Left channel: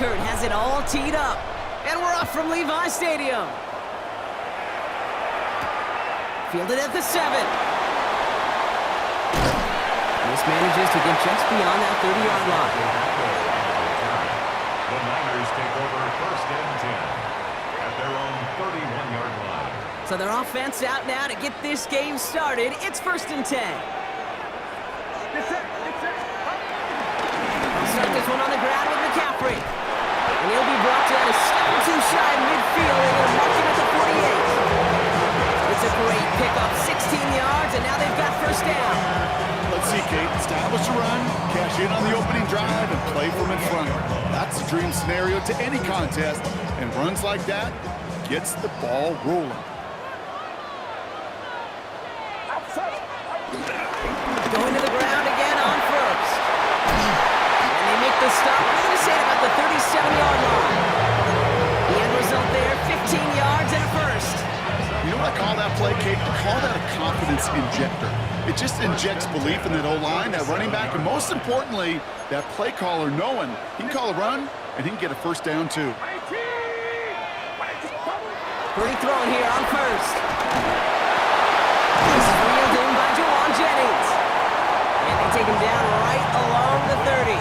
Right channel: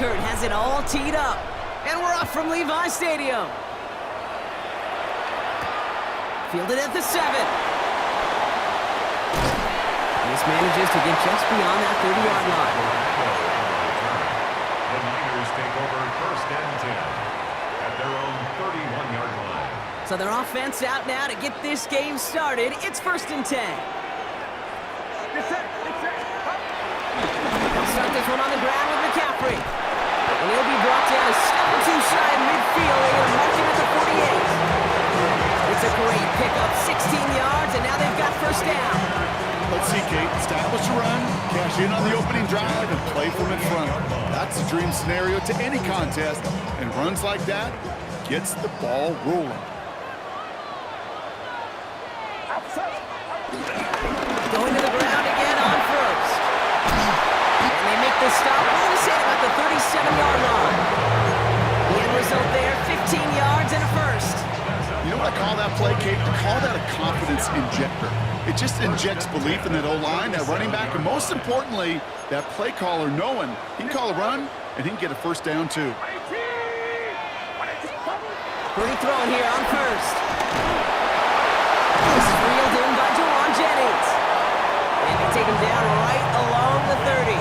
Kurt has it all teed up. And we're off from Levi Stadium. Fielded at the 7. This manages to get just beyond that 30-yard line. The Niners take over 1st and 10 at their own 31-yard line. So their offense out now to get this game started. It's 1st and 10. They'll start this one on the ground with McCaffrey. And he'll be brought down a step or two shy of midfield. They're going to mark him at the 48. It's a great pickup, 16 yards, and now they've got 1st down. Let's see, Kate. Establish a run, cash in on the opening drive, and play from in front. That's the dream scenario to any contest, and runs like that gets the ball rolling. Going to the ground again on 1st. And they make the stop. We're going to say it about the 37-yard line. The end result there, 15 yards and a 1st. You know what I call that play, Kate? I call that a confidence injector. It just injects belief in that O-line, that running back, and most importantly, that play caller knowing he can call a run and he can get a 1st down too. Purdy throwing here on 1st. This is reeled in by Jawan Jennings. And they take him down right along the 30.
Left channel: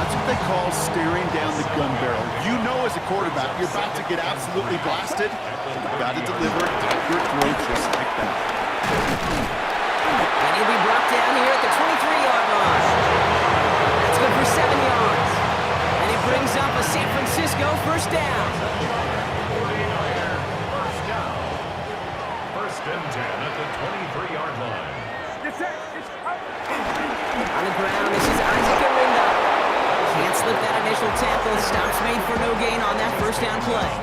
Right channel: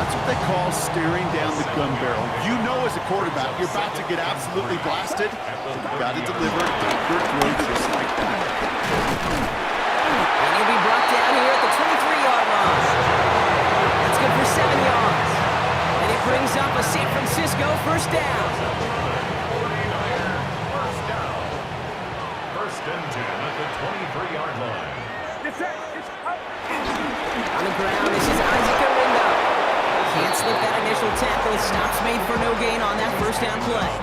That's what they call staring down the gun barrel. You know as a quarterback, you're about to get absolutely blasted. You've got to deliver an accurate throw just like that. And he'll be brought down here at the 23-yard line. That's good for 7 yards. And it brings up a San Francisco 1st down. 1st and 10 at the 23-yard line. On the ground, this is Isaac Arinda. Can't slip that initial tackle. Stops made for no gain on that 1st down play.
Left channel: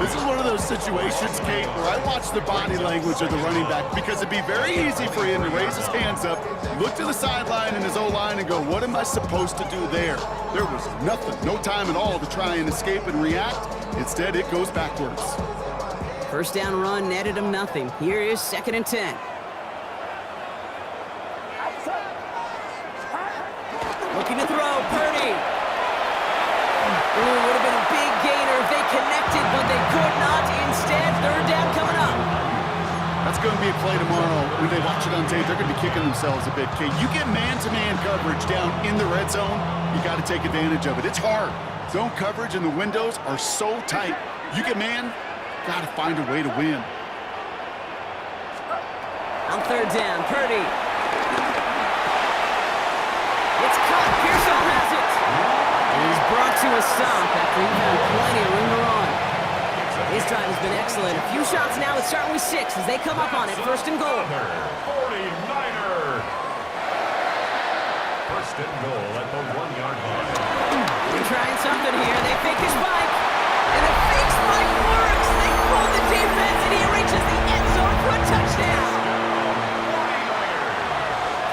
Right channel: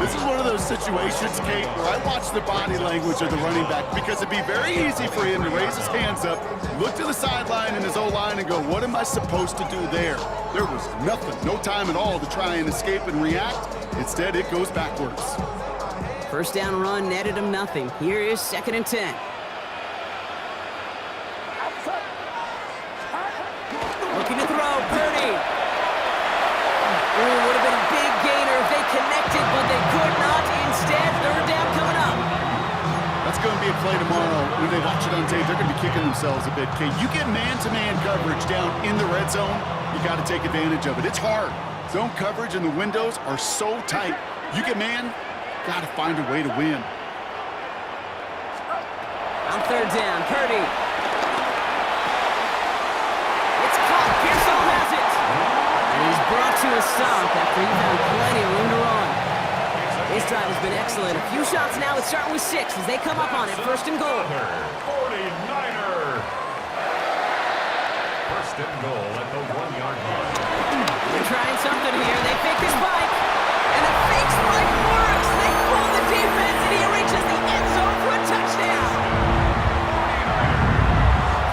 This is one of those situations, Kate, where I watch the body language of the running back because it'd be very easy for him to raise his hands up, look to the sideline in his O-line and go, what am I supposed to do there? There was nothing, no time at all to try and escape and react. Instead, it goes backwards. 1st down run netted him nothing. Here is 2nd and 10. Looking to throw, Purdy. Ooh, would have been a big gainer if they connected, but they could not. Instead, 3rd down coming up. That's going to be a play tomorrow. When they watch it on tape, they're going to be kicking themselves a bit, Kate. You get man-to-man coverage down in the red zone, you got to take advantage of it. It's hard. Zone coverage and the windows are so tight. You get man, got to find a way to win. On 3rd down, Purdy. It's caught. Pearsall has it. And he's brought to a stop after he found plenty of room to run. His drive has been excellent. A few shots now. It's starting with 6 as they come up on it. 1st and goal. 49er. 1st and goal at the 1-yard line. They're trying something here. They fake the spike. And the fake spike works. They pull the defense, and he reaches the end zone for a touchdown.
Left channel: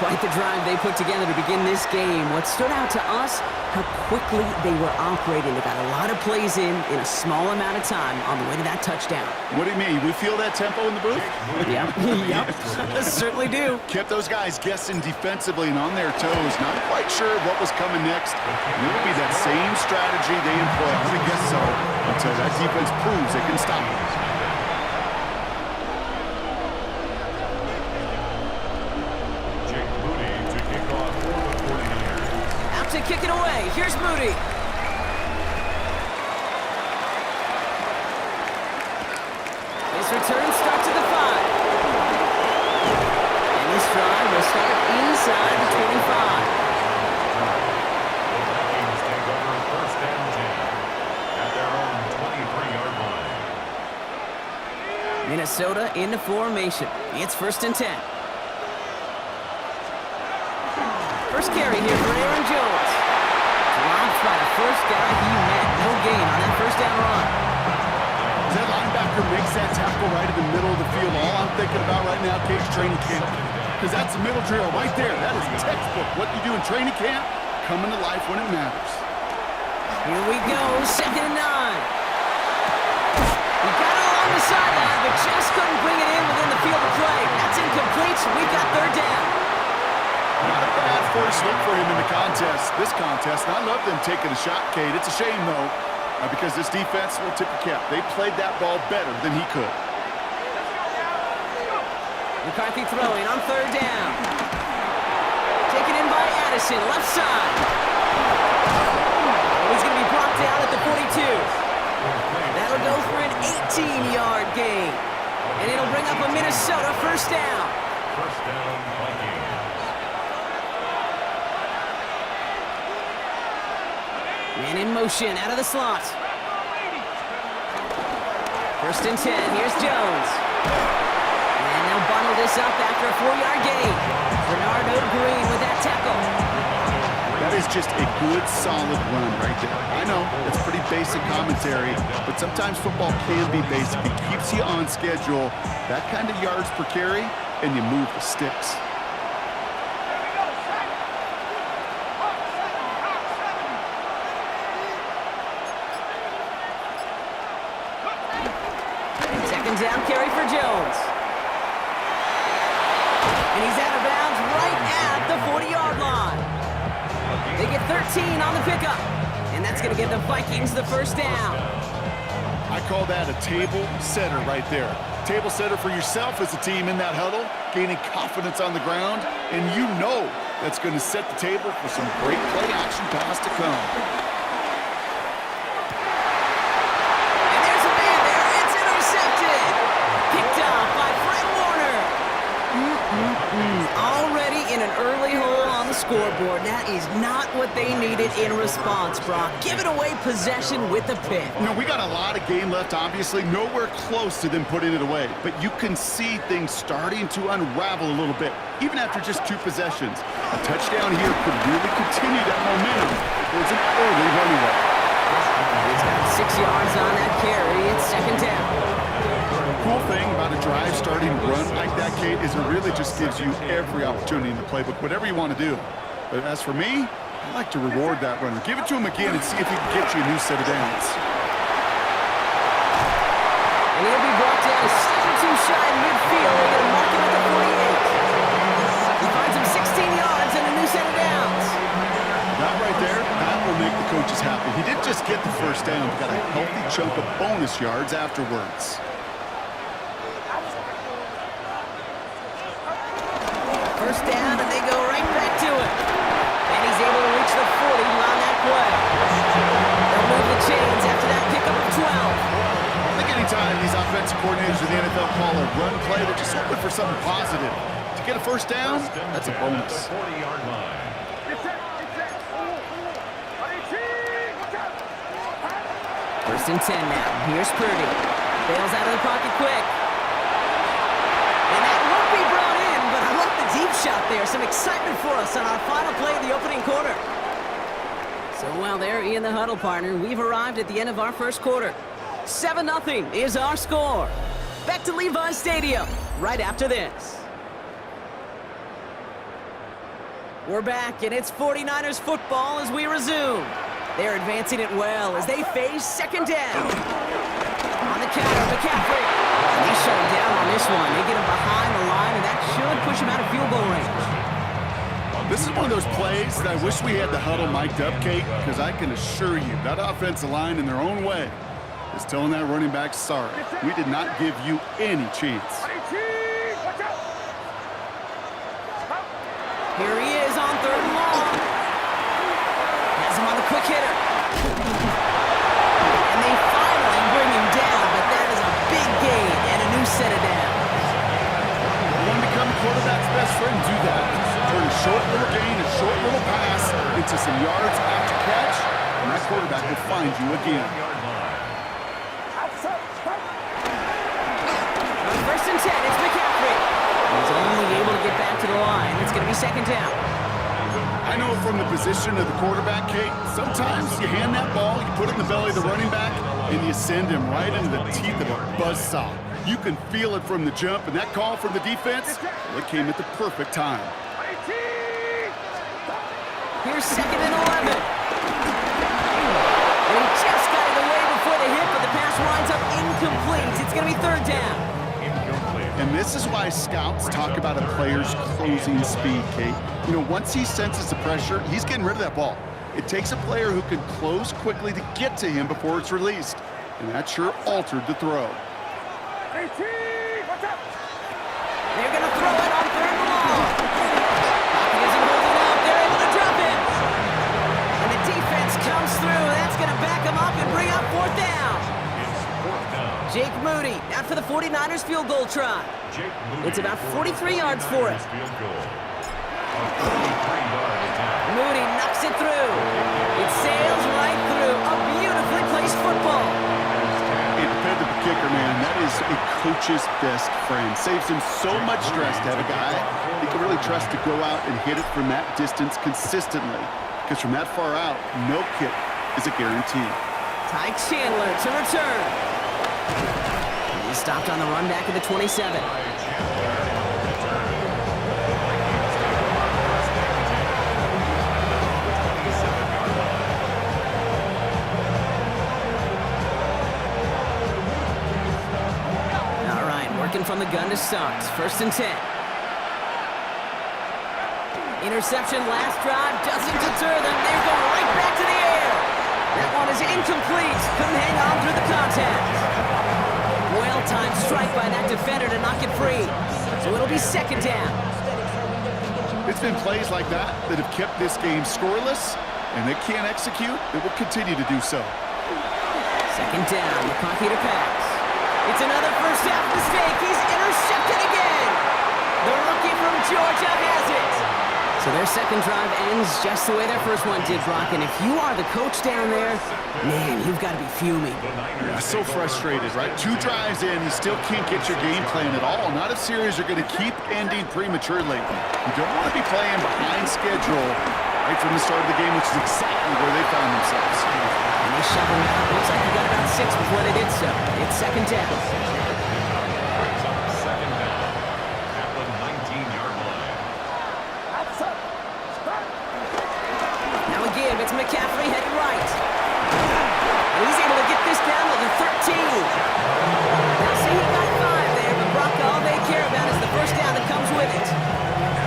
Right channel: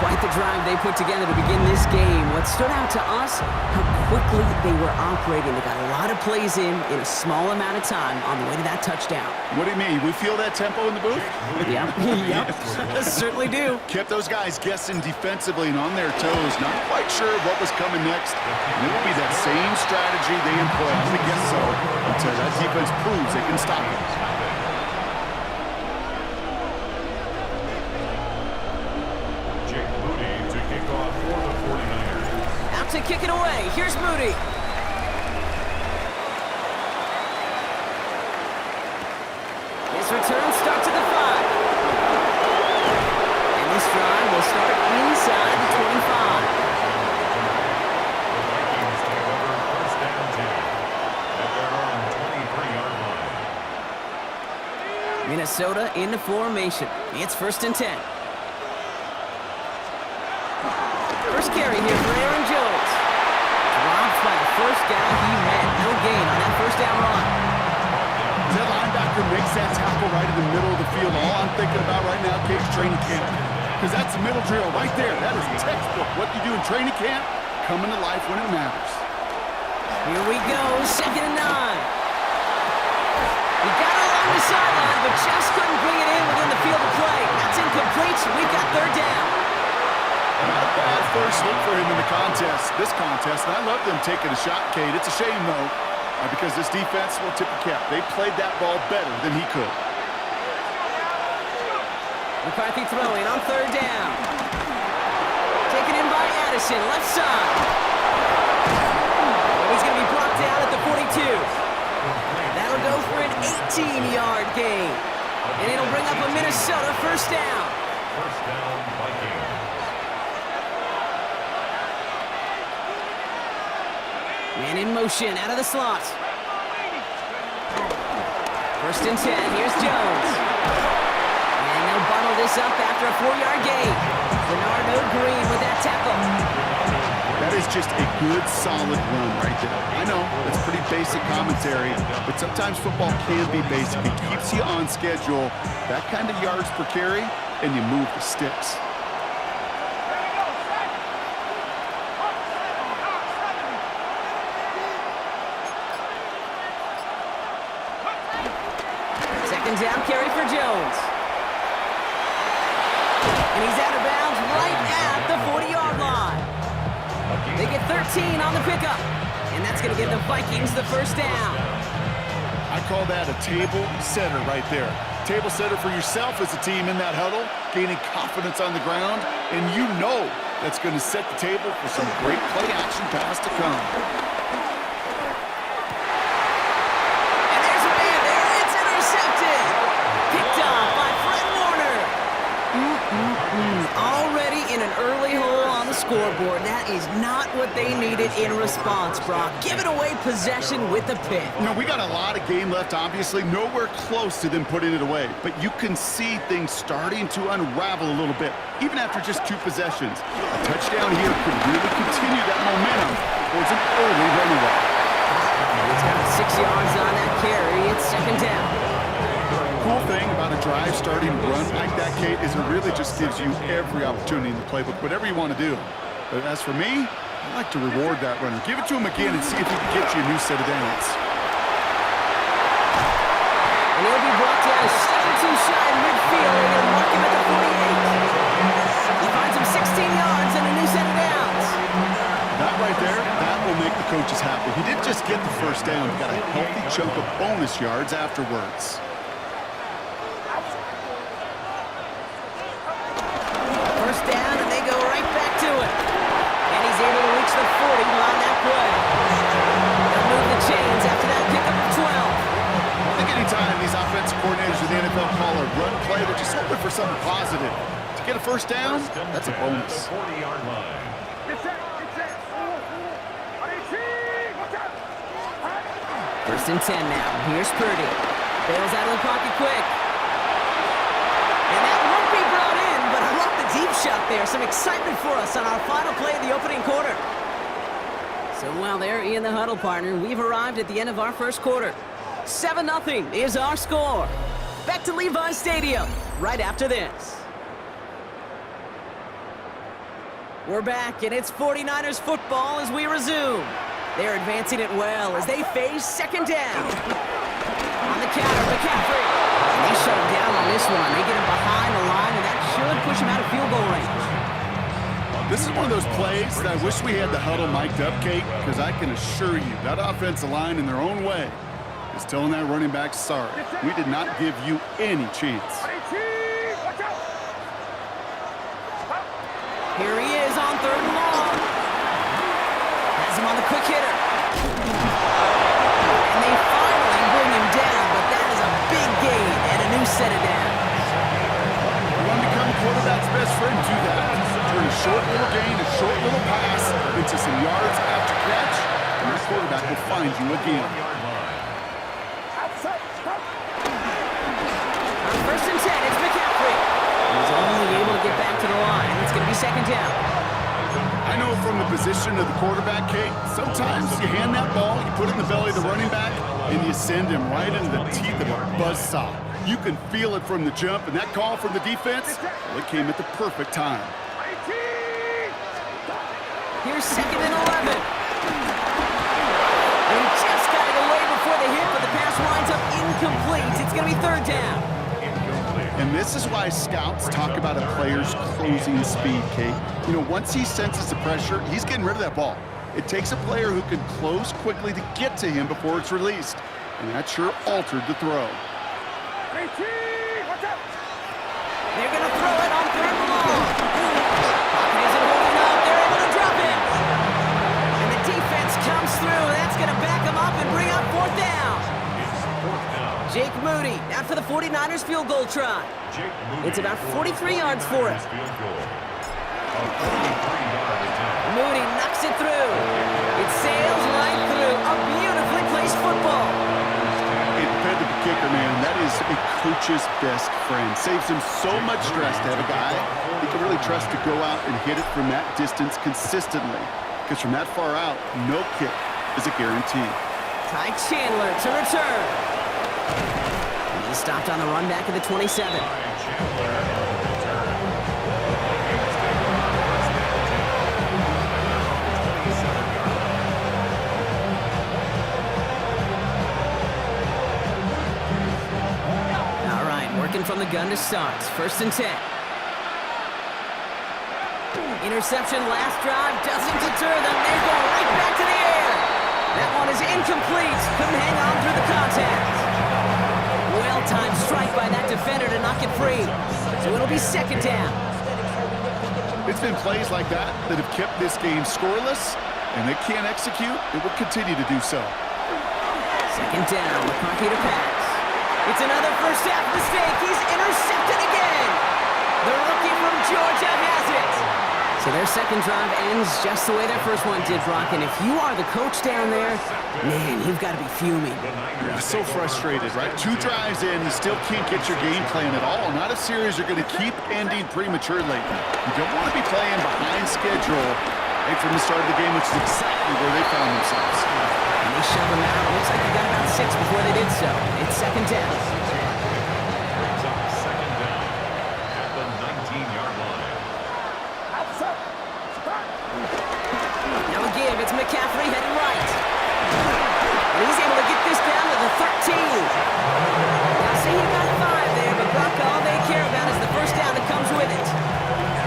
Quite the drive they put together to begin this game. What stood out to us, how quickly they were operating. They got a lot of plays in a small amount of time on the way to that touchdown. What do you mean? We feel that tempo in the booth? Yep. Certainly do. Kept those guys guessing defensively and on their toes. Not quite sure what was coming next. And it will be that same strategy they employ. I'm going to guess so until that defense proves they can stop it. To kick it away. Here's Moody. His return starts at the 5. And this drive will start inside the 25. The Vikings take over 1st and 10 at their own 23-yard line. Minnesota into formation. It's 1st and 10. First carry here for Aaron Jones. Dropped by the first guy he met. No gain on that 1st down run. That linebacker makes that tackle right in the middle of the field. All I'm thinking about right now, Kate's training camp. Because that's the middle drill right there. That is textbook. What you do in training camp, coming to life when it matters. Here we go, 2nd and 9. He got it along the sideline, but just couldn't bring it in within the field of play. That's incomplete, so we've got 3rd down. Not a bad first look for him in the this contest. And I love them taking a shot, Kate. It's a shame, though, because this defense will tip the cap. They played that ball better than he could. McCarthy throwing on third down. Taken in by Addison, left side. And he's going to be brought down at the 42. That'll go for an 18-yard gain. And it'll bring up a Minnesota first down. First down, Vikings. Man in motion, out of the slot. First and 10, here's Jones. And they'll bundle this up after a 4-yard gain. Bernardo Green with that tackle. That is just a good, solid run right there. I know, it's pretty basic commentary, but sometimes football can be basic. It keeps you on schedule, that kind of yards per carry, and you move the sticks. Second down carry for Jones. And he's out of bounds right at the 40-yard line. They get 13 on the pickup. And that's going to give the Vikings the first down. I call that a table setter right there. Table setter for yourself as a team in that huddle, gaining confidence on the ground, and you know that's going to set the table for some great play action pass to come. And there's a man there. It's intercepted. Picked up by Fred Warner. Already in an early hole on the scoreboard. That is not what they needed in response, Brock. Giving away possession with the pick. You know, we got a lot of game left, obviously. Nowhere close to them putting it away. But you can see things starting to unravel a little bit, even after just 2 possessions. A touchdown here could really continue that momentum towards an early runaway. He's got 6 yards on that carry. It's second down. Cool thing about a drive starting run like that, Kate, is it really just gives you every opportunity in the playbook, whatever you want to do. But as for me, I like to reward that runner. Give it to him again and see if he can get you a new set of downs. And he'll be brought down a step or 2 shy of midfield. They're going to mark him at the 48. He finds him 16 yards and a new set of downs. That right there, that will make the coaches happy. He didn't just get the first down, he got a healthy chunk of bonus yards afterwards. First down, and they go right back to it. And he's able to reach the 40 on that play. They'll move the chains after that pickup of 12. I think anytime these offensive coordinators in the NFL call a run play, they're just hoping for something positive. To get a first down, that's a bonus. 40-yard line. First and 10 now. Here's Purdy. Bails out of the pocket quick. And that won't be brought in, but I love the deep shot there. Some excitement for us on our final play of the opening quarter. So while they're in the huddle, partner, we've arrived at the end of our first quarter. 7-0 is our score. Back to Levi's Stadium right after this. We're back, and it's 49ers football as we resume. They're advancing it well as they face second down. On the counter, McCaffrey. And they shut him down on this one. They get him behind the line, and that should push him out of field goal range. This is one of those plays that I wish we had the huddle mic'd up, Kate, because I can assure you that offensive line in their own way is telling that running back, sorry, we did not give you any chance. Here he is on third and long. Has him on the quick hitter. And they finally bring him down, but that is a big gain and a new set of downs. You want to become a quarterback's best friend, do that. Turn a short little gain, a short little pass into some yards after catch, and that quarterback will find you again. On first and 10, it's McCaffrey. He's only able to get back to the line. It's going to be second down. I know from the position of the quarterback, Kate, sometimes you hand that ball, you put it in the belly of the running back, and you send him right into the teeth of a buzzsaw. You can feel it from the jump, and that call from the defense, well, it came at the perfect time. Here's second and 11. And he just got it away before the hit, but the pass winds up incomplete. It's going to be third down. And this is why scouts talk about a player's closing speed, Kate. You know, once he senses the pressure, he's getting rid of that ball. It takes a player who can close quickly to get to him before it's released. And that sure altered the throw. They're going to throw it on 3rd and long. Pocket isn't holding up. They're able to drop it. And the defense comes through. That's going to back them up and bring up 4th down. It's 4th down. Jake Moody out for the 49ers field goal try. It's about 43 yards for it. Field goal. A 43-yard attempt. Moody knocks it through. It sails right through. A beautifully placed football. A dependable kicker, man. That is a coach's best friend. Saves him so much stress to have a guy he can really trust to go out and hit it from that distance consistently. Because from that far out, no kick is a guarantee. Ty Chandler to return. He's stopped on the run back at the 27. Chandler on the return. The Vikings take over 1st and 10 at their own 27-yard line. All right, working from the gun to start. 1st and 10. Interception last drive doesn't deter them. They're going right back to the air. That one is incomplete. Couldn't hang on through the contact. Well-timed strike by that defender to knock it free. So it'll be 2nd down. It's been plays like that that have kept this game scoreless, and they can't execute. It will continue to do so. 2nd down, McCarthy to pass. It's another first half mistake. He's intercepted again. The rookie from Georgia has it. So their 2nd drive ends just the way their 1st one did, Brock. And if you are the coach down there, man, you've got to be fuming. Yeah, so frustrated, right? 2 drives in, you still can't get your game plan at all. Not a series you're going to keep ending prematurely. You don't want to be playing behind schedule right from the start of the game, which is exactly where they found themselves. And they shove him out. Looks like he got about 6 before they did so. It's 2nd down. 6-yard pickup brings up 2nd down at the 19-yard line. Now a give. It's McCaffrey headed right. And he's able to get this down to the 13. Now, say he got 5 there, but Brock, all they care about is the 1st down that comes with it.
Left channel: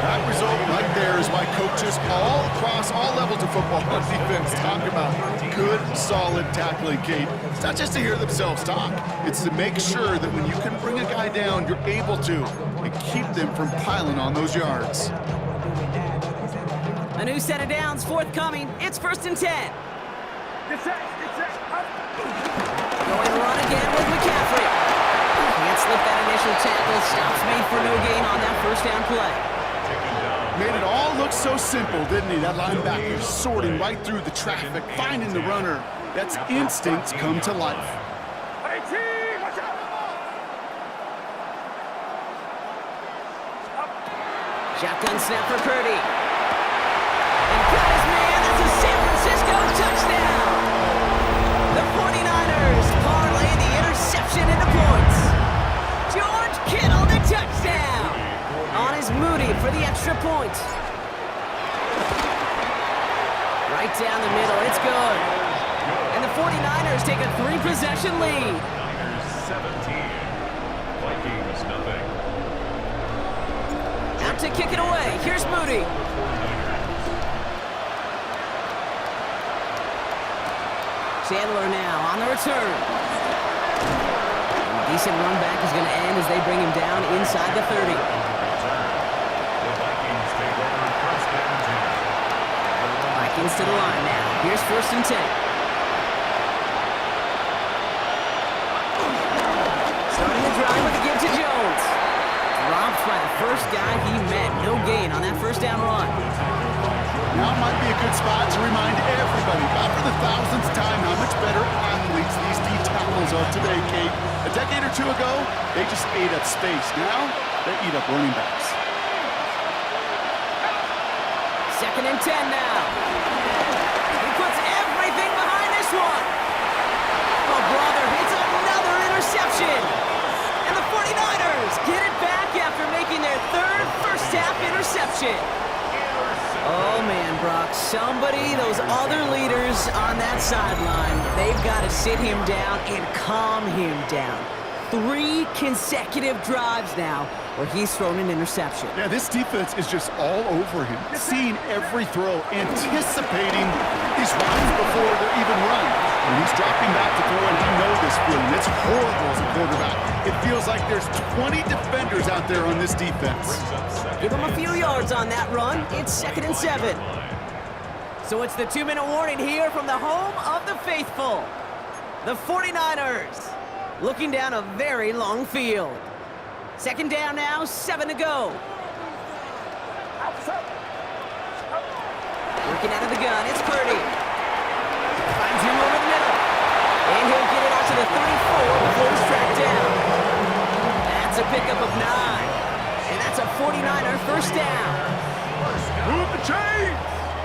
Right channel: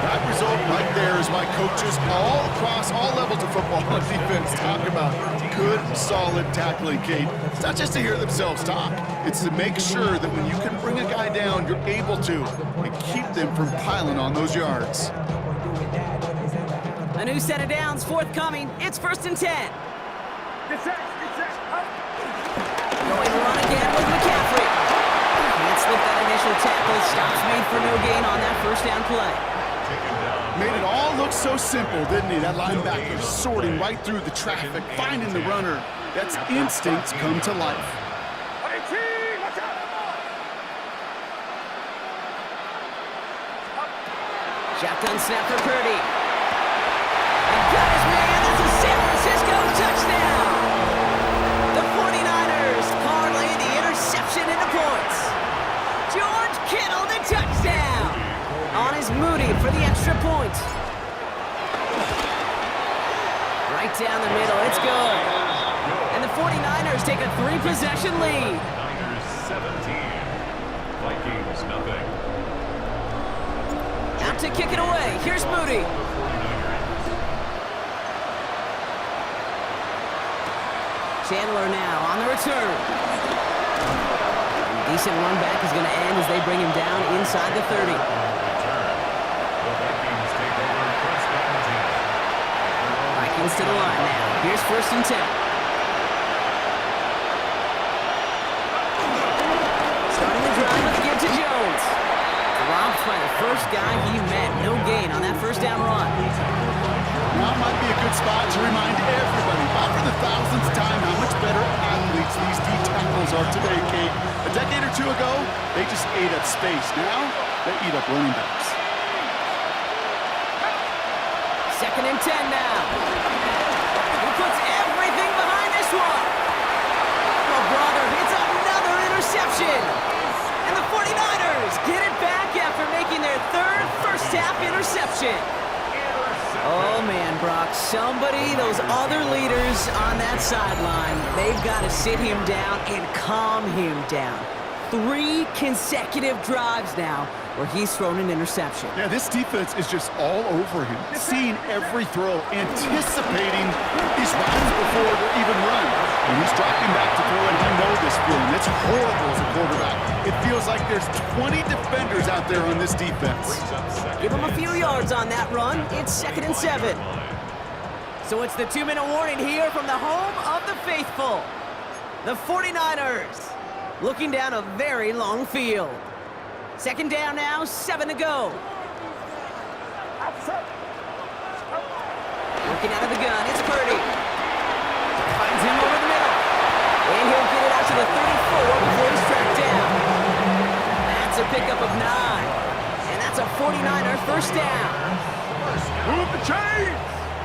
That result right there is why coaches all across all levels of football on defense talk about good, solid tackling, Kate. It's not just to hear themselves talk. It's to make sure that when you can bring a guy down, you're able to and keep them from piling on those yards. A new set of downs forthcoming. It's 1st and 10. Going run again with McCaffrey. Can't slip that initial tackle. Stops made for no gain on that 1st down play. Made it all look so simple, didn't he? That linebacker sorting right through the traffic, finding the runner. That's instincts come to life. Shotgun snap for Purdy. And got his man. That's a San Francisco touchdown. The 49ers parlay the interception into points. George Kittle, the touchdown. On is Moody for the extra point. Right down the middle. It's good. And the 49ers take a 3-possession lead. Niners 17. Vikings nothing. Out to kick it away. Here's Moody. Chandler now on the return. And decent run back is going to end as they bring him down inside the 30. On the return, the Vikings take over 1st and 10. Vikings to the line now. Here's 1st and 10. Starting the drive with a give to Jones. Dropped by the first guy he met. No gain on that 1st down run. Now might be a good spot to remind everybody, about for the 1000th time, how much better athletes these D tackles are today, Kate. A decade or 2 ago, they just ate up space. Now, they eat up running backs. 2nd and 10 now. He puts everything behind this one. Oh, brother, it's another interception. And the 49ers get it back after making their 3rd first-half interception. Oh, man, Brock, somebody, those other leaders on that sideline, they've got to sit him down and calm him down. 3 consecutive drives now where he's thrown an interception. Yeah, this defense is just all over him, seeing every throw, anticipating these routes before they're even run. When he's dropping back to throw, and I know this feeling. It's horrible as a quarterback. It feels like there's 20 defenders out there on this defense. Give him a few yards on that run. It's 2nd and 7. So it's the 2-minute warning here from the home of the faithful. The 49ers looking down a very long field. 2nd down now, 7 to go. Working out of the gun, it's Purdy. Finds him over the middle. And he'll get it out to the 34 before he's tracked down. That's a pickup of 9. And that's a 49er first down. Move the chains!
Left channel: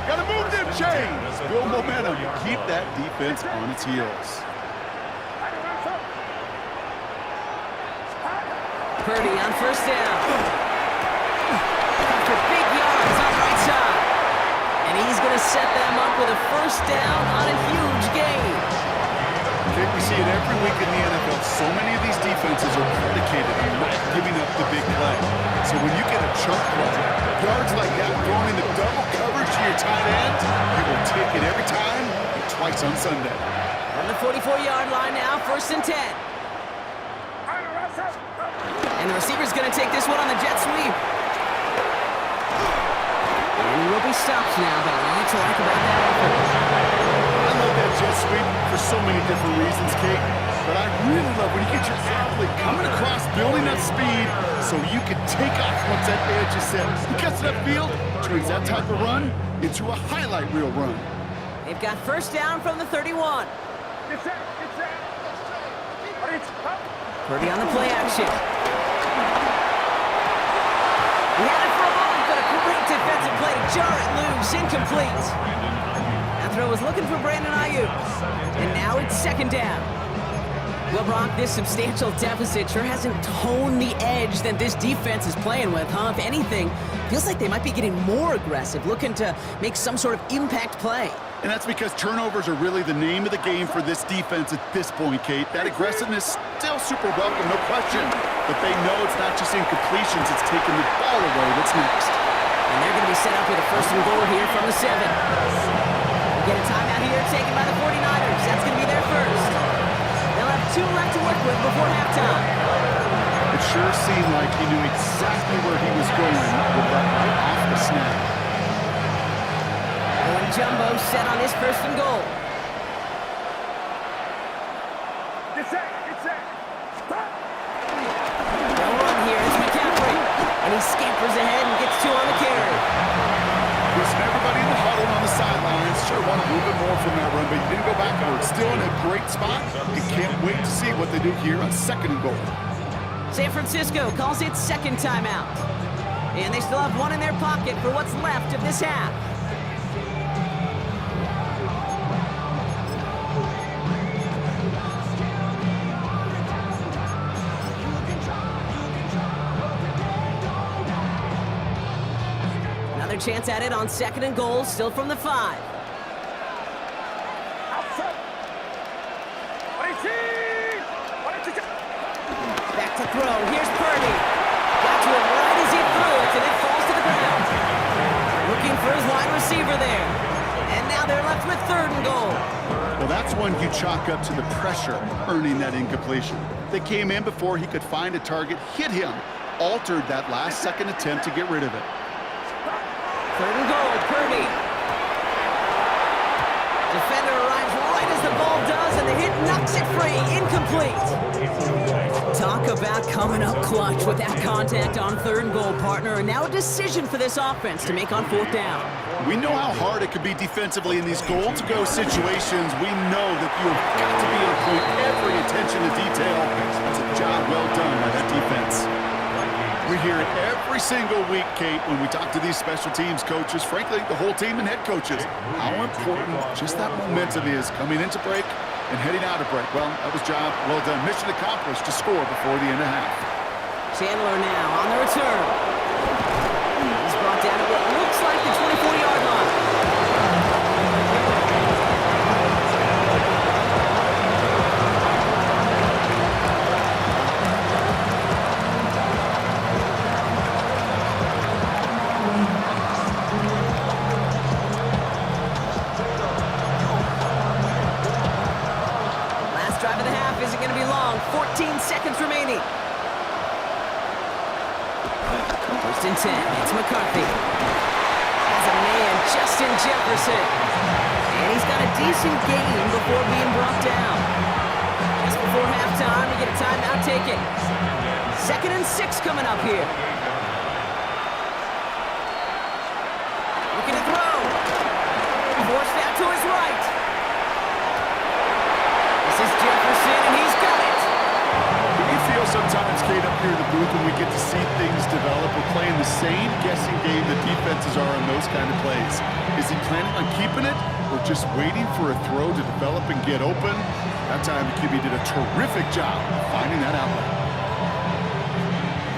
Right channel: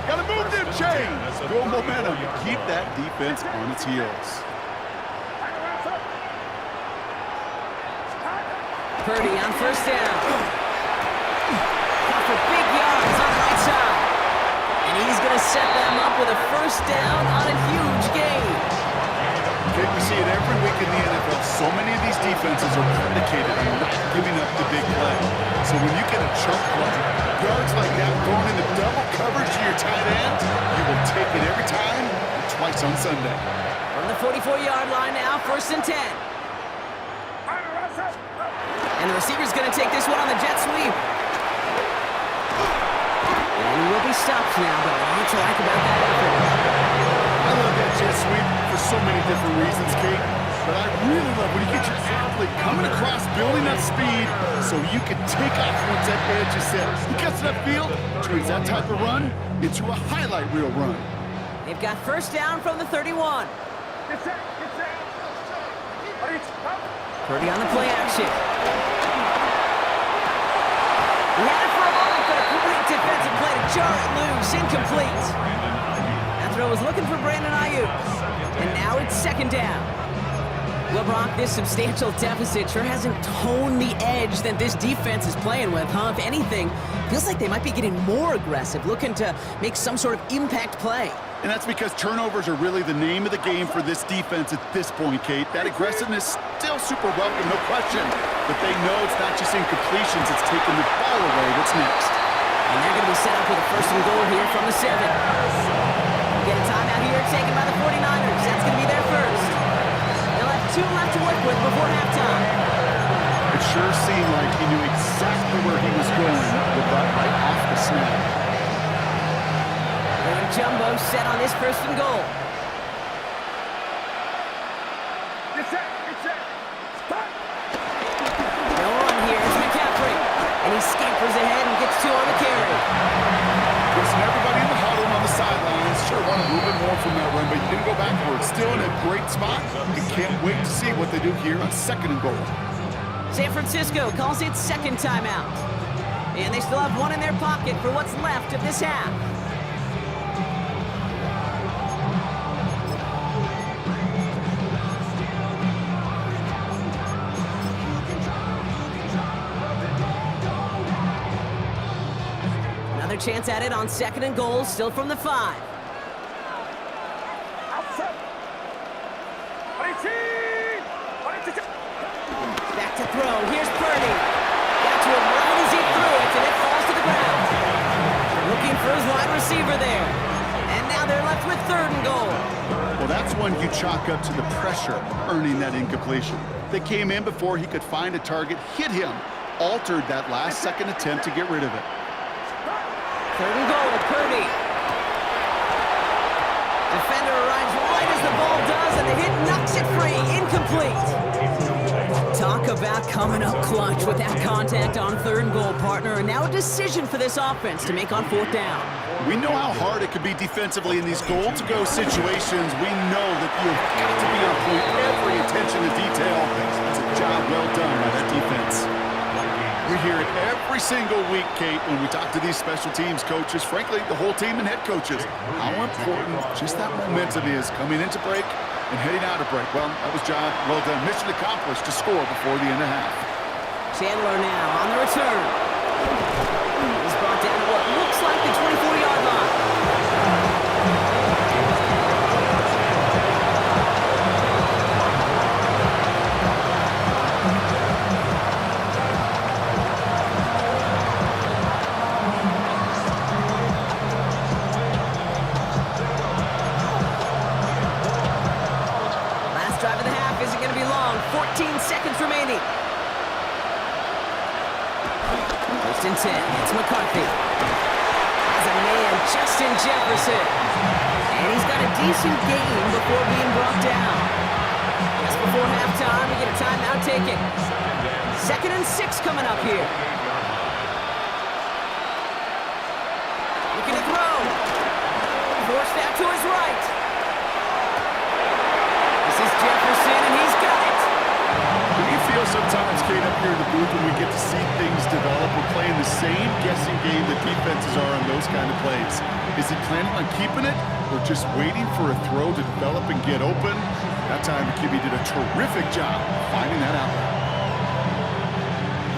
Gotta move them chains! Build momentum. Keep that defense on its heels. Purdy on first down. For big yards on the right side. And he's going to set them up with a first down on a huge gain. Okay, we see it every week in the NFL. So many of these defenses are predicated on not giving up the big play. So when you get a chunk play, yards like that thrown into double coverage to your tight end, you will take it every time and twice on Sunday. From the 44-yard line now, 1st and 10. And the receiver's going to take this one on the jet sweep. And he will be stopped now, but a lot to like about that effort. I love that jet sweep for so many different reasons, Kate. But I really love when you get your athlete coming across, building up speed, so you can take off once that edge is set. He gets that field, turns that type of run into a highlight reel run. They've got first down from the 31. Purdy on the play action. He had it for a moment, but a great defensive play to jar it loose. Incomplete. That throw was looking for Brandon Ayuk. And now it's 2nd down. Well, Brock, this substantial deficit sure hasn't toned the edge that this defense is playing with, huh? If anything, feels like they might be getting more aggressive, looking to make some sort of impact play. And that's because turnovers are really the name of the game for this defense at this point, Kate. That aggressiveness still super welcome, no question. But they know it's not just incompletions, it's taking the ball away that's next. And they're going to be set up with a 1st and goal here from the 7. We get a timeout here taken by the 49ers. That's going to be their first. They'll have 2 left to work with before halftime. It sure seemed like he knew exactly where he was going with that right off the snap. Going jumbo set on this 1st and goal. They'll run here. It's McCaffrey. And he scampers ahead and gets 2 on the carry. Listen, everybody in the huddle on the sidelines sure want a little bit more from that run, but you didn't go backwards. Still in a great spot. You can't wait to see what they do here on 2nd and goal. San Francisco calls it 2nd timeout. And they still have 1 in their pocket for what's left of this half. Another chance at it on 2nd and goal, still from the 5. Back to throw. Here's Purdy. Got to him right as he threw it, and it falls to the ground. Looking for his wide receiver there. And now they're left with 3rd and goal. Well, that's one you chalk up to the pressure earning that incompletion. They came in before he could find a target, hit him, altered that last-second attempt to get rid of it. 3rd and goal, Purdy. Defender arrives right as the ball does, and the hit knocks it free. Incomplete. Talk about coming up clutch with that contact on 3rd and goal, partner. And now a decision for this offense to make on 4th down. We know how hard it could be defensively in these goal-to-go situations. We know that you've got to be on point, every attention to detail. That's a job well done by that defense. We hear it every single week, Kate, when we talk to these special teams coaches, frankly, the whole team and head coaches, how important just that momentum is coming into break and heading out of break. Well, that was job well done. Mission accomplished to score before the end of half. Chandler now on the return. He's brought down at what looks like the 24-yard line. 14 seconds remaining. First and 10. It's McCarthy. Has a man, Justin Jefferson. And he's got a decent gain before being brought down. Just before halftime, we get a timeout taken. 2nd and 6 coming up here. Looking to throw. Forced out to his right. This is Jefferson, and he's got it. We feel sometimes, Kate, up here in the booth when we get to see things develop. We're playing the same guessing game that defenses are on those kind of plays. Is he planning on keeping it or just waiting for a throw to develop and get open? That time the QB did a terrific job finding that outlet.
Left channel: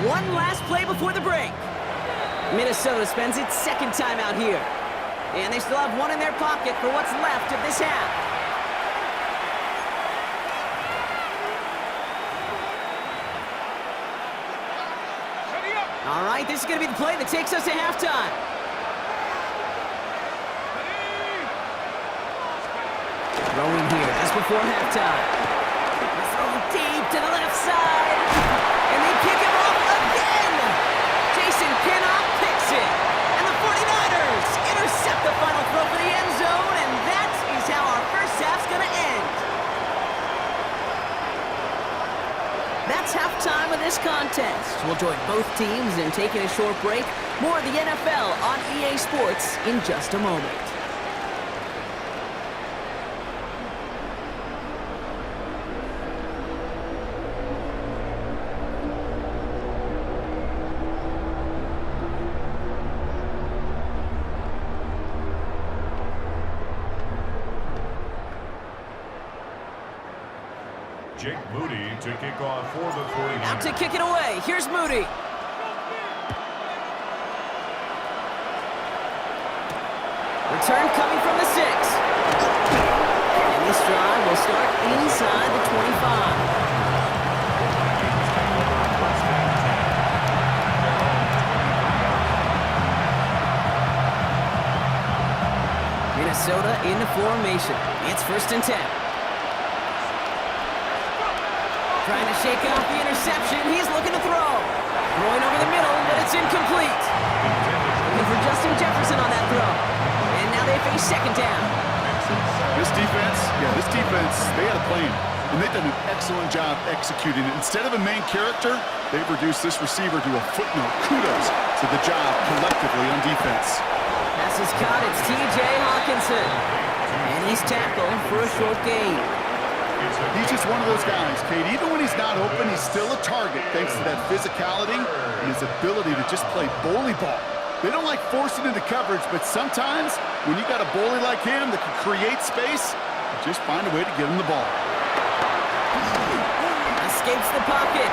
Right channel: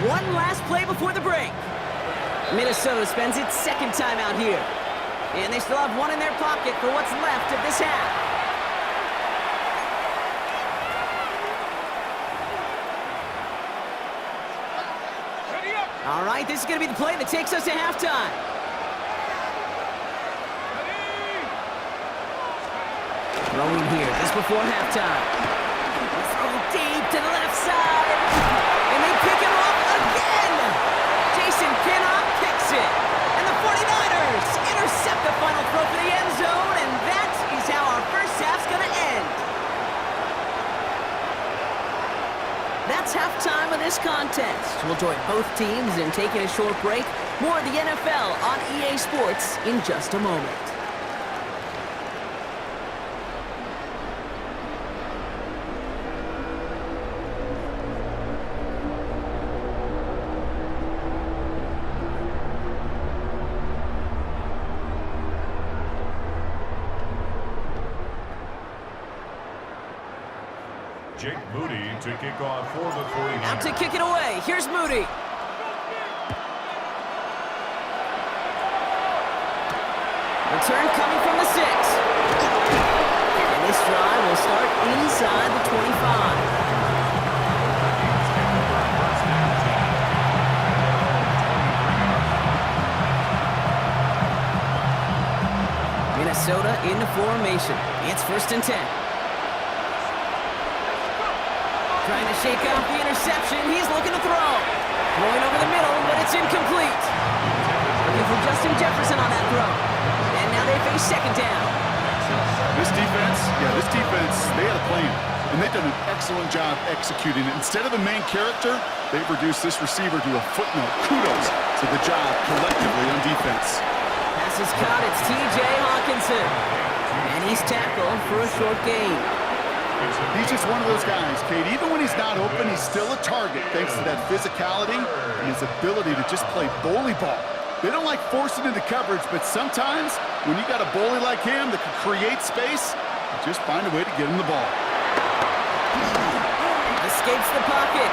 One last play before the break. Minnesota spends its 2nd time out here. And they still have one in their pocket for what's left of this half. All right, this is going to be the play that takes us to halftime. Throwing here just before halftime. Throw deep to the left side. And they pick him off again. Jason Pinnock picks it. And the 49ers intercept the final throw for the end zone. And that is how our first half's going to end. That's halftime of this contest. We'll join both teams in taking a short break. More of the NFL on EA Sports in just a moment. Jake Moody to kick off for the 49ers. Out to kick it away. Here's Moody. Return coming from the 6. And this drive will start inside the 25. Vikings take over 1st and 10 at their own 23-yard line. Minnesota into formation. It's 1st and 10. Trying to shake off the interception. He's looking to throw. Throwing over the middle, but it's incomplete. Looking for Justin Jefferson on that throw. And now they face 2nd down. This defense, they had a plan. And they've done an excellent job executing it. Instead of a main character, they've reduced this receiver to a footnote. Kudos to the job collectively on defense. Pass is caught. It's T.J. Hawkinson. And he's tackled for a short gain. He's just one of those guys, Kate. Even when he's not open, he's still a target thanks to that physicality and his ability to just play bully ball. They don't like forcing into coverage, but sometimes when you got a bully like him that can create space, you just find a way to get him the ball. Escapes the pocket.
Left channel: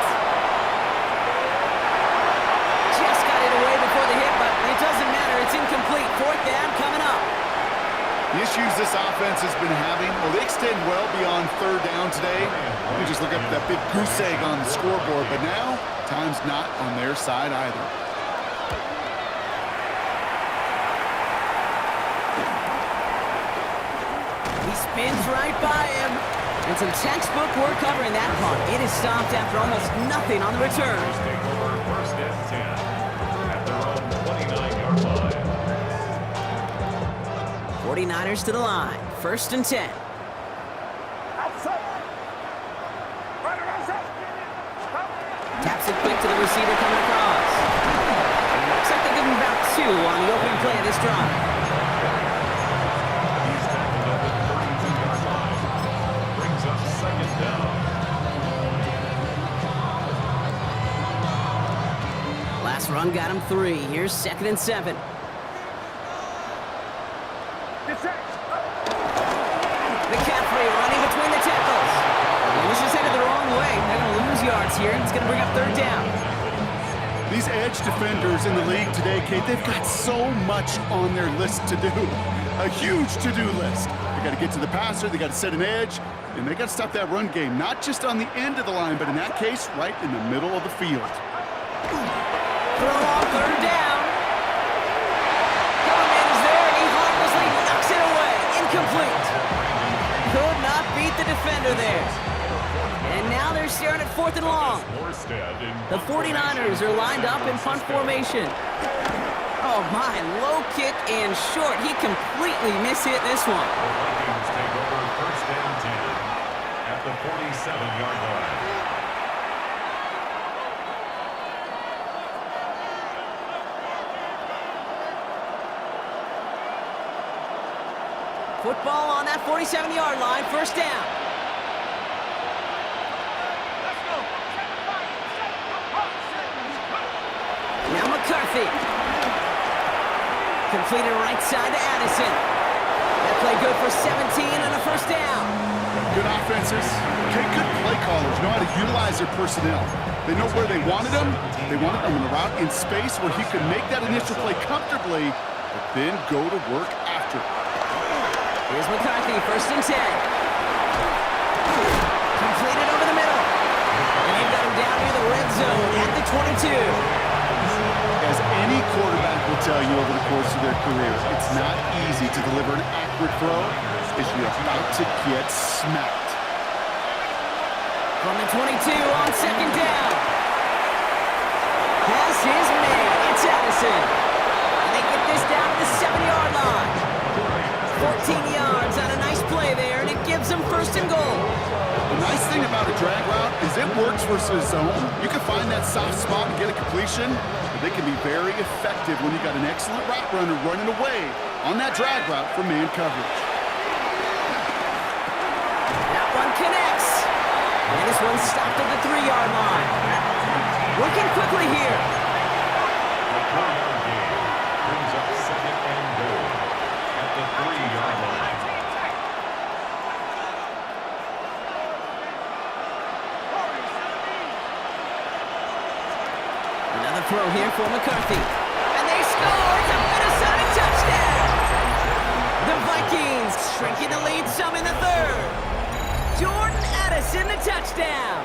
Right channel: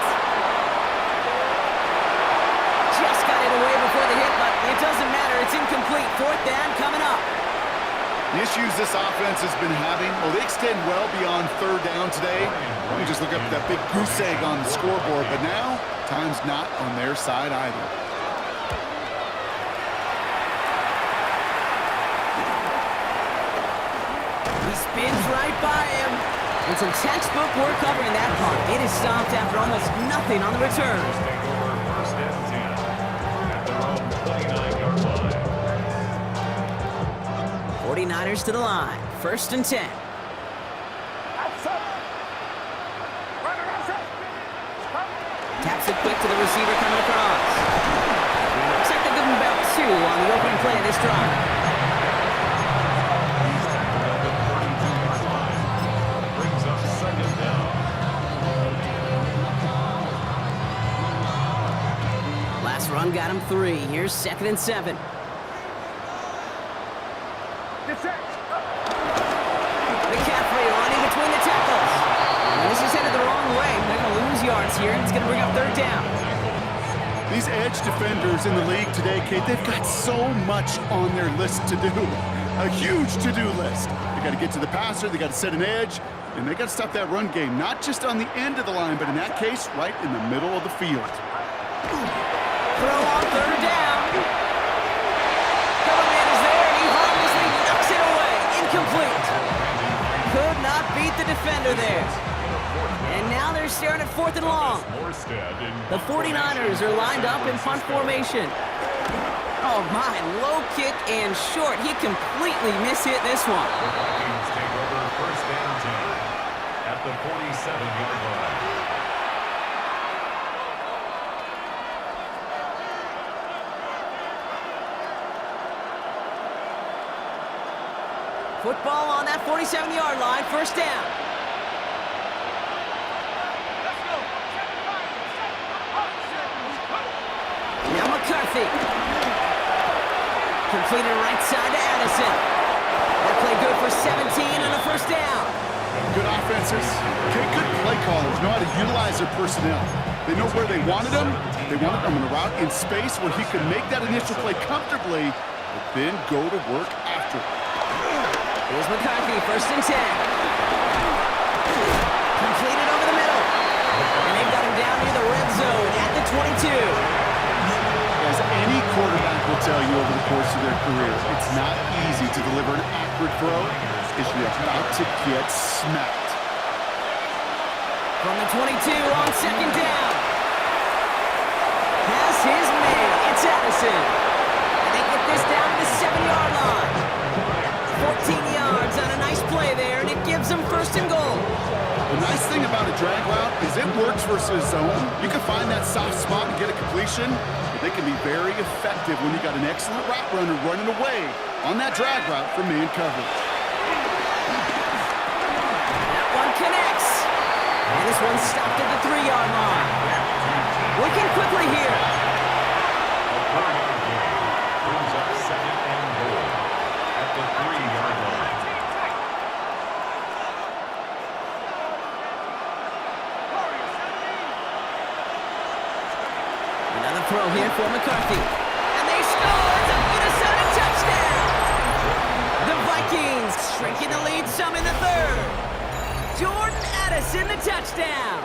Just got it away before the hit, but it doesn't matter. It's incomplete. 4th down coming up. The issues this offense has been having, well, they extend well beyond 3rd down today. You just look up at that big goose egg on the scoreboard, but now, time's not on their side either. He spins right by him. And some textbook work covering that punt. It is stopped after almost nothing on the return. Take over 1st and 10 at their own 29-yard line. 49ers to the line. 1st and 10. Taps it quick to the receiver coming across. And looks like they're giving him about 2 on the opening play of this drive. He's tackled at the 32-yard line. Brings up 2nd down. Last run got him 3. Here's 2nd and 7. McCaffrey running between the tackles. And this is headed the wrong way. They're going to lose yards here. It's going to bring up 3rd down. These edge defenders in the league today, Kate, they've got so much on their list to do. A huge to-do list. They got to get to the passer, they got to set an edge, and they got to stop that run game. Not just on the end of the line, but in that case, right in the middle of the field. Throw on 3rd down. Coverman is there, and he harmlessly knocks it away. Incomplete. Could not beat the defender there. And now they're staring at 4th and long. The 49ers are lined up in punt formation. Oh my, low kick and short. He completely mishit this one. The Vikings take over 1st and 10 at the 47-yard line. Football on that 47-yard line, 1st down. Now McCarthy. Completed right side to Addison. That play good for 17 and a 1st down. Good offenses. Okay, good play callers know how to utilize their personnel. They know where they wanted them. They wanted them in a route in space where he could make that initial play comfortably, but then go to work after. Here's McCarthy, 1st and 10. Completed over the middle. And they've got him down near the red zone at the 22. As any quarterback will tell you over the course of their career, it's not easy to deliver an accurate throw as you're about to get smacked. From the 22 on 2nd down. Has his man. It's Addison. And they get this down to the 7-yard line. 14 yards on a nice play there, and it gives them 1st and goal. The nice thing about a drag route is it works versus zone. You can find that soft spot and get a completion, but they can be very effective when you got an excellent route runner running away on that drag route from man coverage. That one connects. And this one stopped at the 3-yard line. Working quickly here. A 4-yard gain brings up 2nd and goal at the 3-yard line. Another throw here for McCarthy. And they score! It's a Minnesota touchdown! The Vikings shrinking the lead some in the 3rd. Jordan Addison, the touchdown!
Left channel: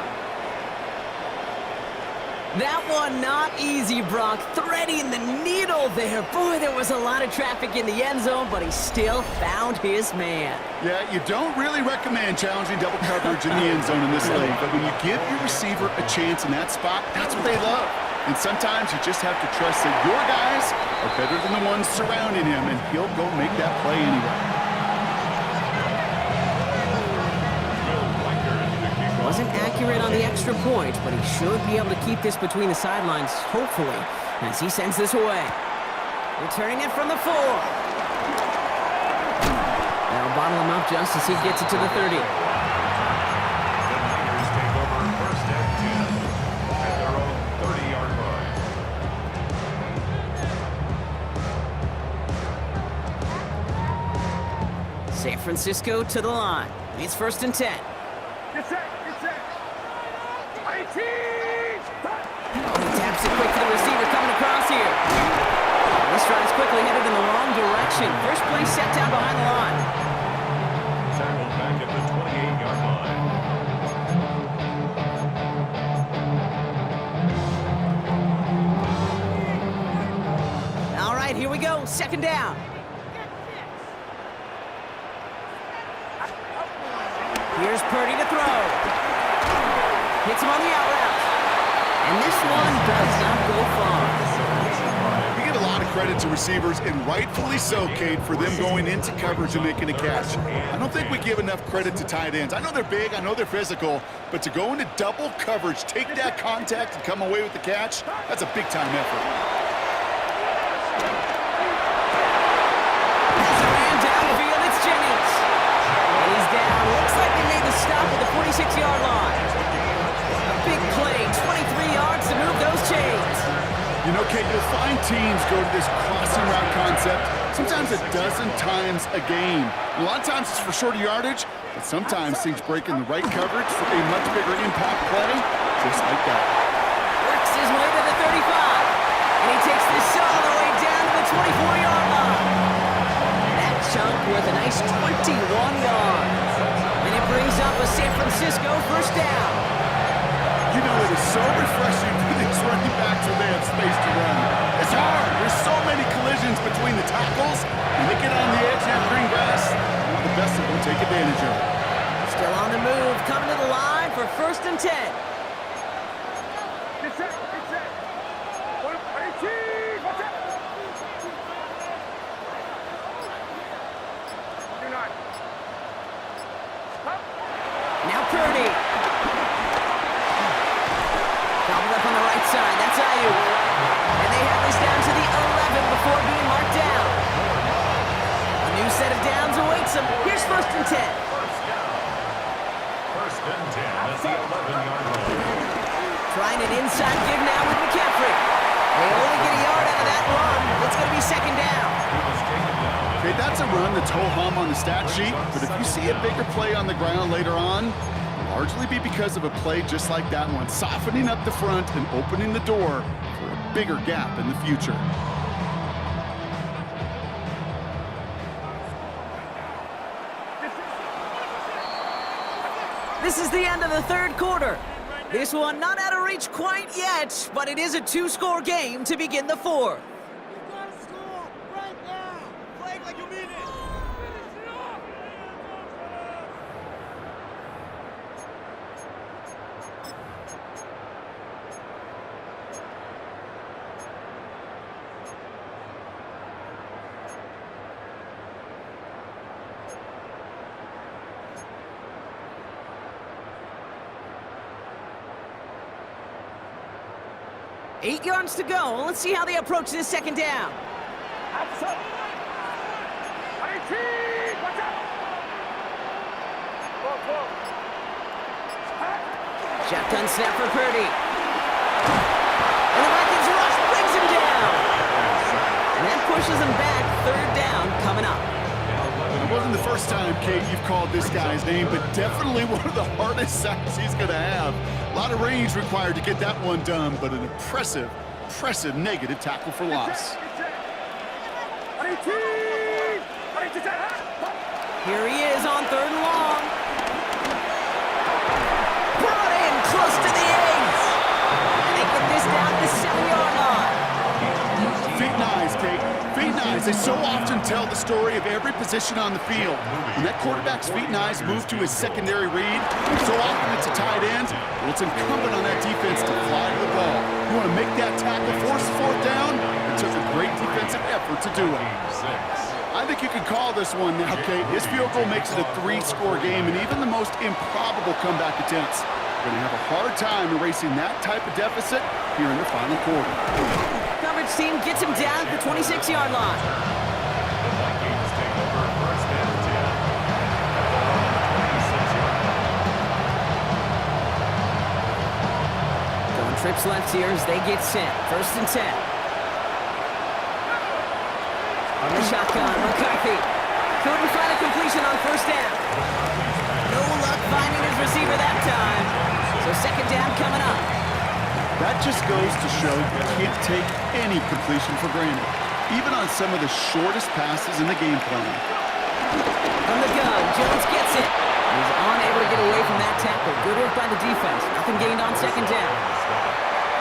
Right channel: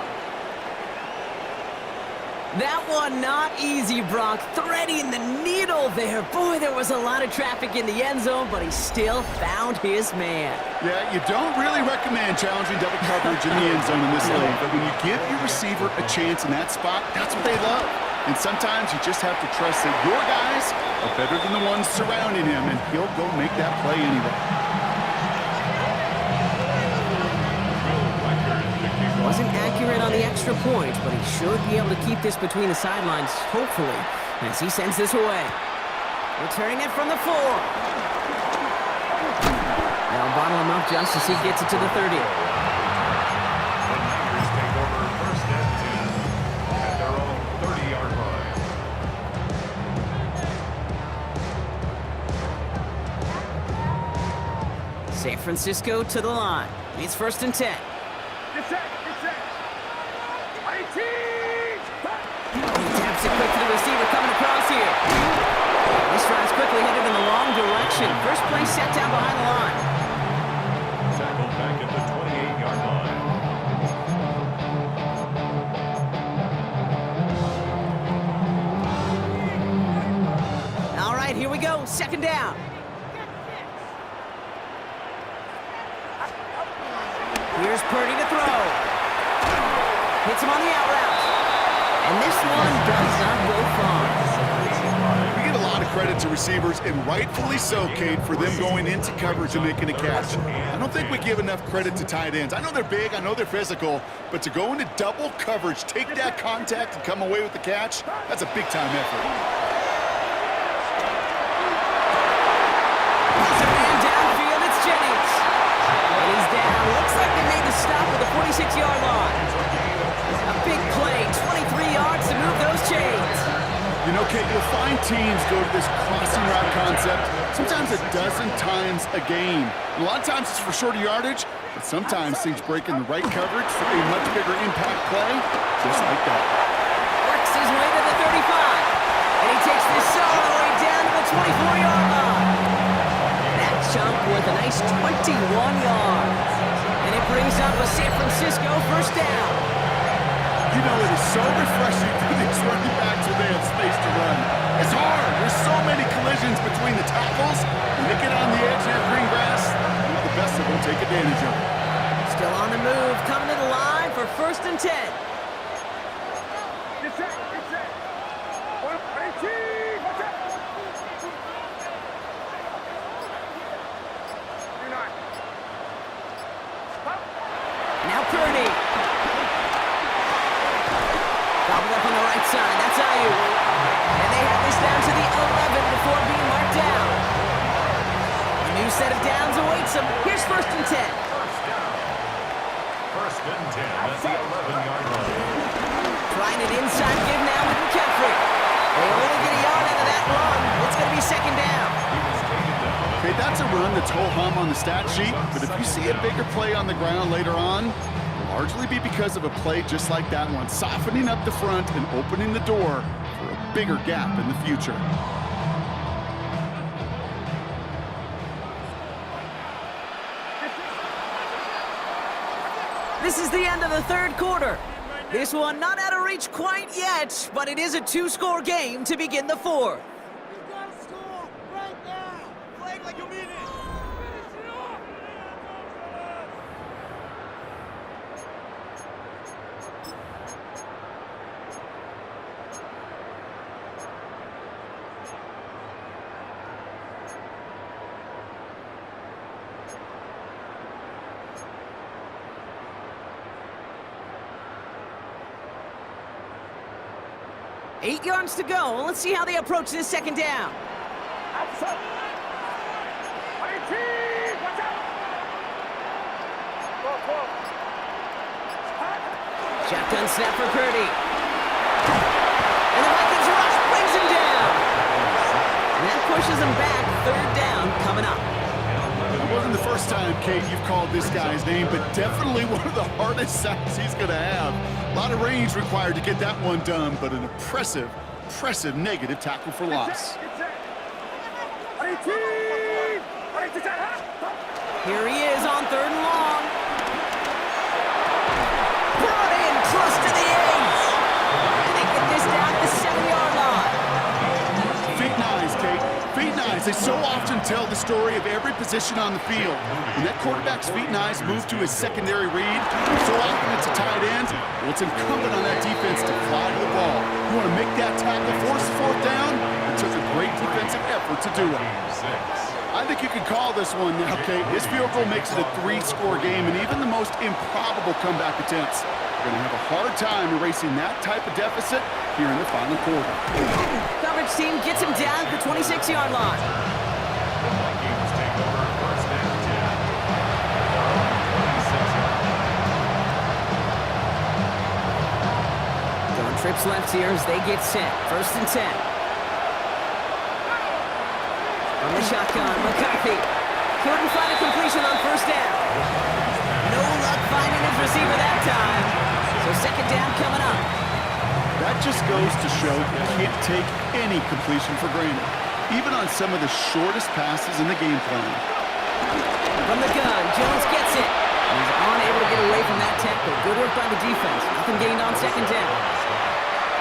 That one not easy, Brock. Threading the needle there. Boy, there was a lot of traffic in the end zone, but he still found his man. Yeah, you don't really recommend challenging double coverage in the end zone in this league, but when you give your receiver a chance in that spot, that's what they love. And sometimes you just have to trust that your guys are better than the ones surrounding him, and he'll go make that play anyway. Wasn't accurate on the extra point, but he should be able to keep this between the sidelines, hopefully, as he sends this away. Returning it from the 4. They'll bottle him up just as he gets it to the 30. The Niners take over 1st and 10 at their own 30-yard line. San Francisco to the line. It's 1st and 10. Get set! He taps it quick to the receiver coming across here. This drive's quickly headed in the wrong direction. First play set down behind the line. Tackled back at the 28-yard line. All right, here we go. 2nd down. Here's Purdy to throw. Hits him on the out route. And this one does not go far. We get a lot of credit to receivers, and rightfully so, Kate, for them going into coverage and making a catch. I don't think we give enough credit to tight ends. I know they're big, I know they're physical, but to go into double coverage, take that contact, and come away with the catch, that's a big-time effort. As a man downfield, it's Jennings. And he's down. Looks like they made the stop at the 46-yard line. A big play, 23 yards to move those chains. You know, Kate, you'll find teams go to this crossing route concept sometimes a dozen times a game. A lot of times it's for shorter yardage, but sometimes things break in the right coverage for a much bigger impact play, just like that. Works his way to the 35. And he takes this all the way down to the 24-yard line. That chunk with a nice 21 yards. And it brings up a San Francisco 1st down. You know, it is so refreshing for these running backs when they have space to run. It's hard. There's so many collisions between the tackles. When they get on the edge and have green grass, the best of them take advantage of it. Still on the move, coming to the line for 1st and 10. Get set, get set. 18, watch out. Do not. Up. Now Purdy. Gobbled up on the right side, that's Ayuk. And they have this down to the 11 before being marked down. A new set of downs awaits them. Here's 1st and 10. First down. 1st and 10 at the 11-yard line. Trying an inside give now with McCaffrey. They only get a yard out of that run. It's going to be 2nd down. He was taken down. Okay, that's a run that's ho-hum on the stat sheet, but if you see a bigger play on the ground later on, it'll largely be because of a play just like that one, softening up the front and opening the door for a bigger gap in the future. This is the end of the 3rd quarter. This one not out of reach quite yet, but it is a 2-score game to begin the 4th. You gotta score right now. Play like you mean it. Finish it off. 8 yards to go. Let's see how they approach this 2nd down. Outside. 18, watch out. 12. Shotgun snap for Purdy. And the Vikings rush brings him down. And that pushes him back. 3rd down coming up. It wasn't the first time, Kate, you've called this guy's name, but definitely one of the hardest sacks he's going to have. A lot of range required to get that one done, but an impressive negative tackle for loss. Here he is on 3rd and long. Brought in close to the 8. And they get this down to the 7-yard line. Feet and eyes, Kate. Feet and eyes. They so often tell the story of every position on the field. When that quarterback's feet and eyes move to his secondary read, so often it's a tight end, well, it's incumbent on that defense to fly to the ball. You want to make that tackle, force the 4th down? It took a great defensive effort to do it. I think you can call this one now, Kate. His field goal makes it a 3-score game, and even the most improbable comeback attempts are going to have a hard time erasing that type of deficit here in the final quarter. Coverage team gets him down at the 26-yard line. The Vikings take over 1st and 10 at their own 26-yard line. Going trips left here as they get set. 1st and 10. From the shotgun, McCarthy. Couldn't find a completion on 1st down. No luck finding his receiver that time. So 2nd down coming up. That just goes to show you can't take any completion for granted, even on some of the shortest passes in the game plan. From the gun, Jones gets it. He's unable to get away from that tackle. Good work by the defense. Nothing gained on 2nd down.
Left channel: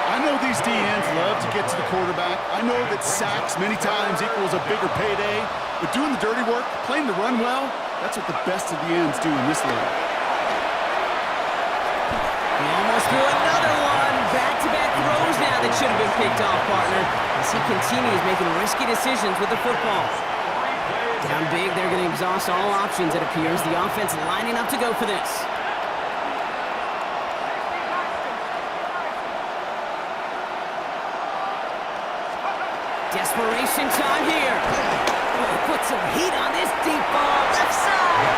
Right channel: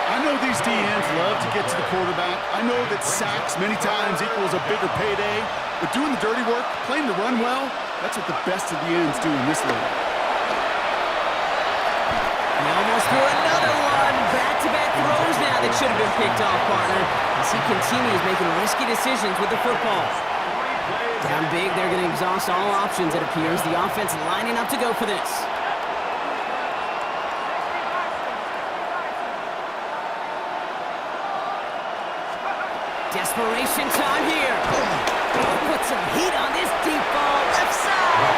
I know these DNs love to get to the quarterback. I know that sacks many times equals a bigger payday, but doing the dirty work, playing the run well, that's what the best of the ends do in this league. He almost threw another one. Back-to-back throws now that should have been picked off, partner, as he continues making risky decisions with the football. Down big, they're going to exhaust all options, it appears. The offense lining up to go for this. Desperation time here. Put some heat on this deep ball, left side.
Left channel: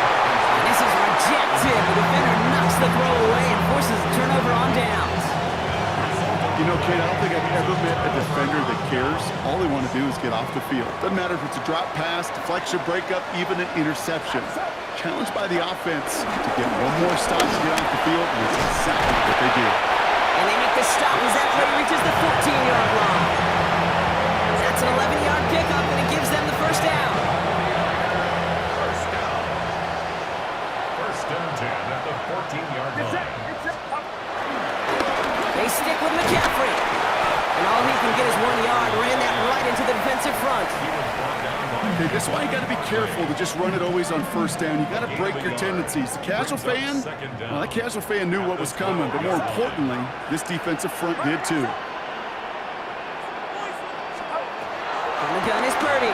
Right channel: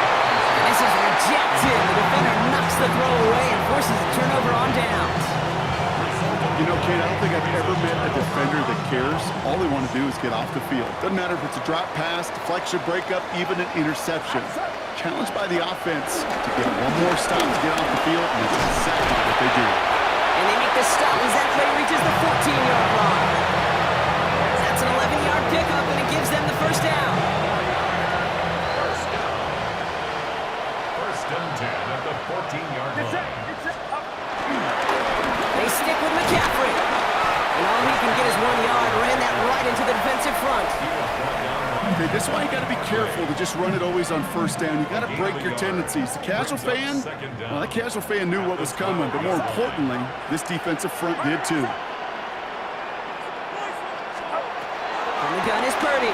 And this is rejected. The defender knocks the throw away and forces a turnover on downs. You know, Kate, I don't think I've ever met a defender that cares. All they want to do is get off the field. Doesn't matter if it's a drop pass, deflection, breakup, even an interception. Challenged by the offense to get one more stop to get off the field, and that's exactly what they do. And they make the stop as that play reaches the 14-yard line. That's an 11-yard pickup, and it gives them the 1st down. 1st down. 1st and 10 at the 14-yard line. They stick with McCaffrey. And all he can get is 1 yard. Ran that right into the defensive front. He was brought down by Okay, this is why you got to be careful to just run it always on first down. You got to break your tendencies. The casual fan, well, that casual fan knew what was coming, but more importantly, this defensive front did too. From the gun is Purdy.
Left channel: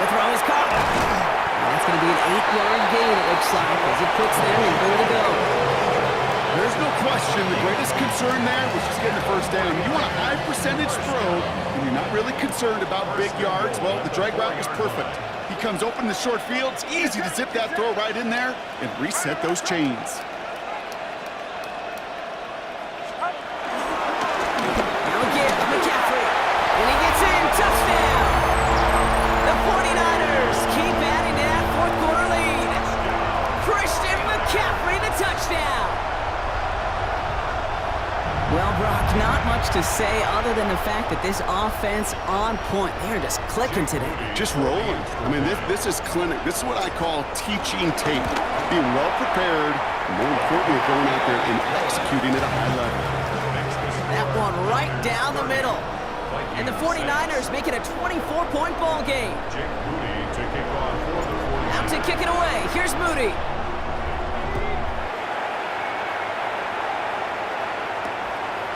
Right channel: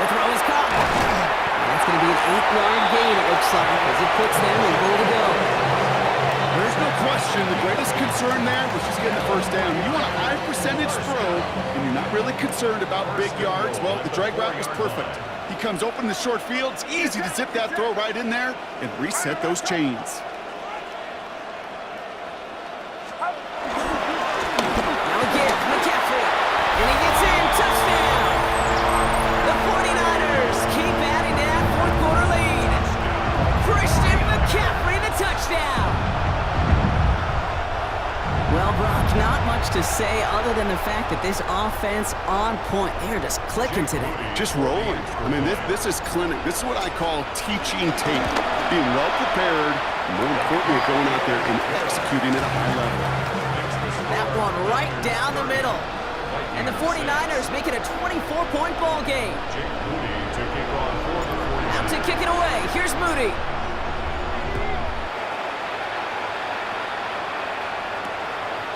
The throw is caught. And that's going to be an 8-yard gain, it looks like, as it puts them in goal to go. There's no question the greatest concern there was just getting the first down. You want a high percentage throw, and you're not really concerned about big yards. Well, the drag route was perfect. He comes open in the short field. It's easy to zip that throw right in there and reset those chains. Now again, McCaffrey. And he gets in. Touchdown! The 49ers keep adding to that fourth quarter lead. Christian McCaffrey, the touchdown! Well, Brock, not much to say other than the fact that this offense on point. They're just clicking today. Just rolling. I mean, this is clinic. This is what I call teaching tape. Being well prepared, and more importantly, going out there and executing at a high level. That one right down the middle. And the 49ers make it a 24-point ball game. Jake Moody to kick off for the 49ers. Out to kick it away. Here's Moody.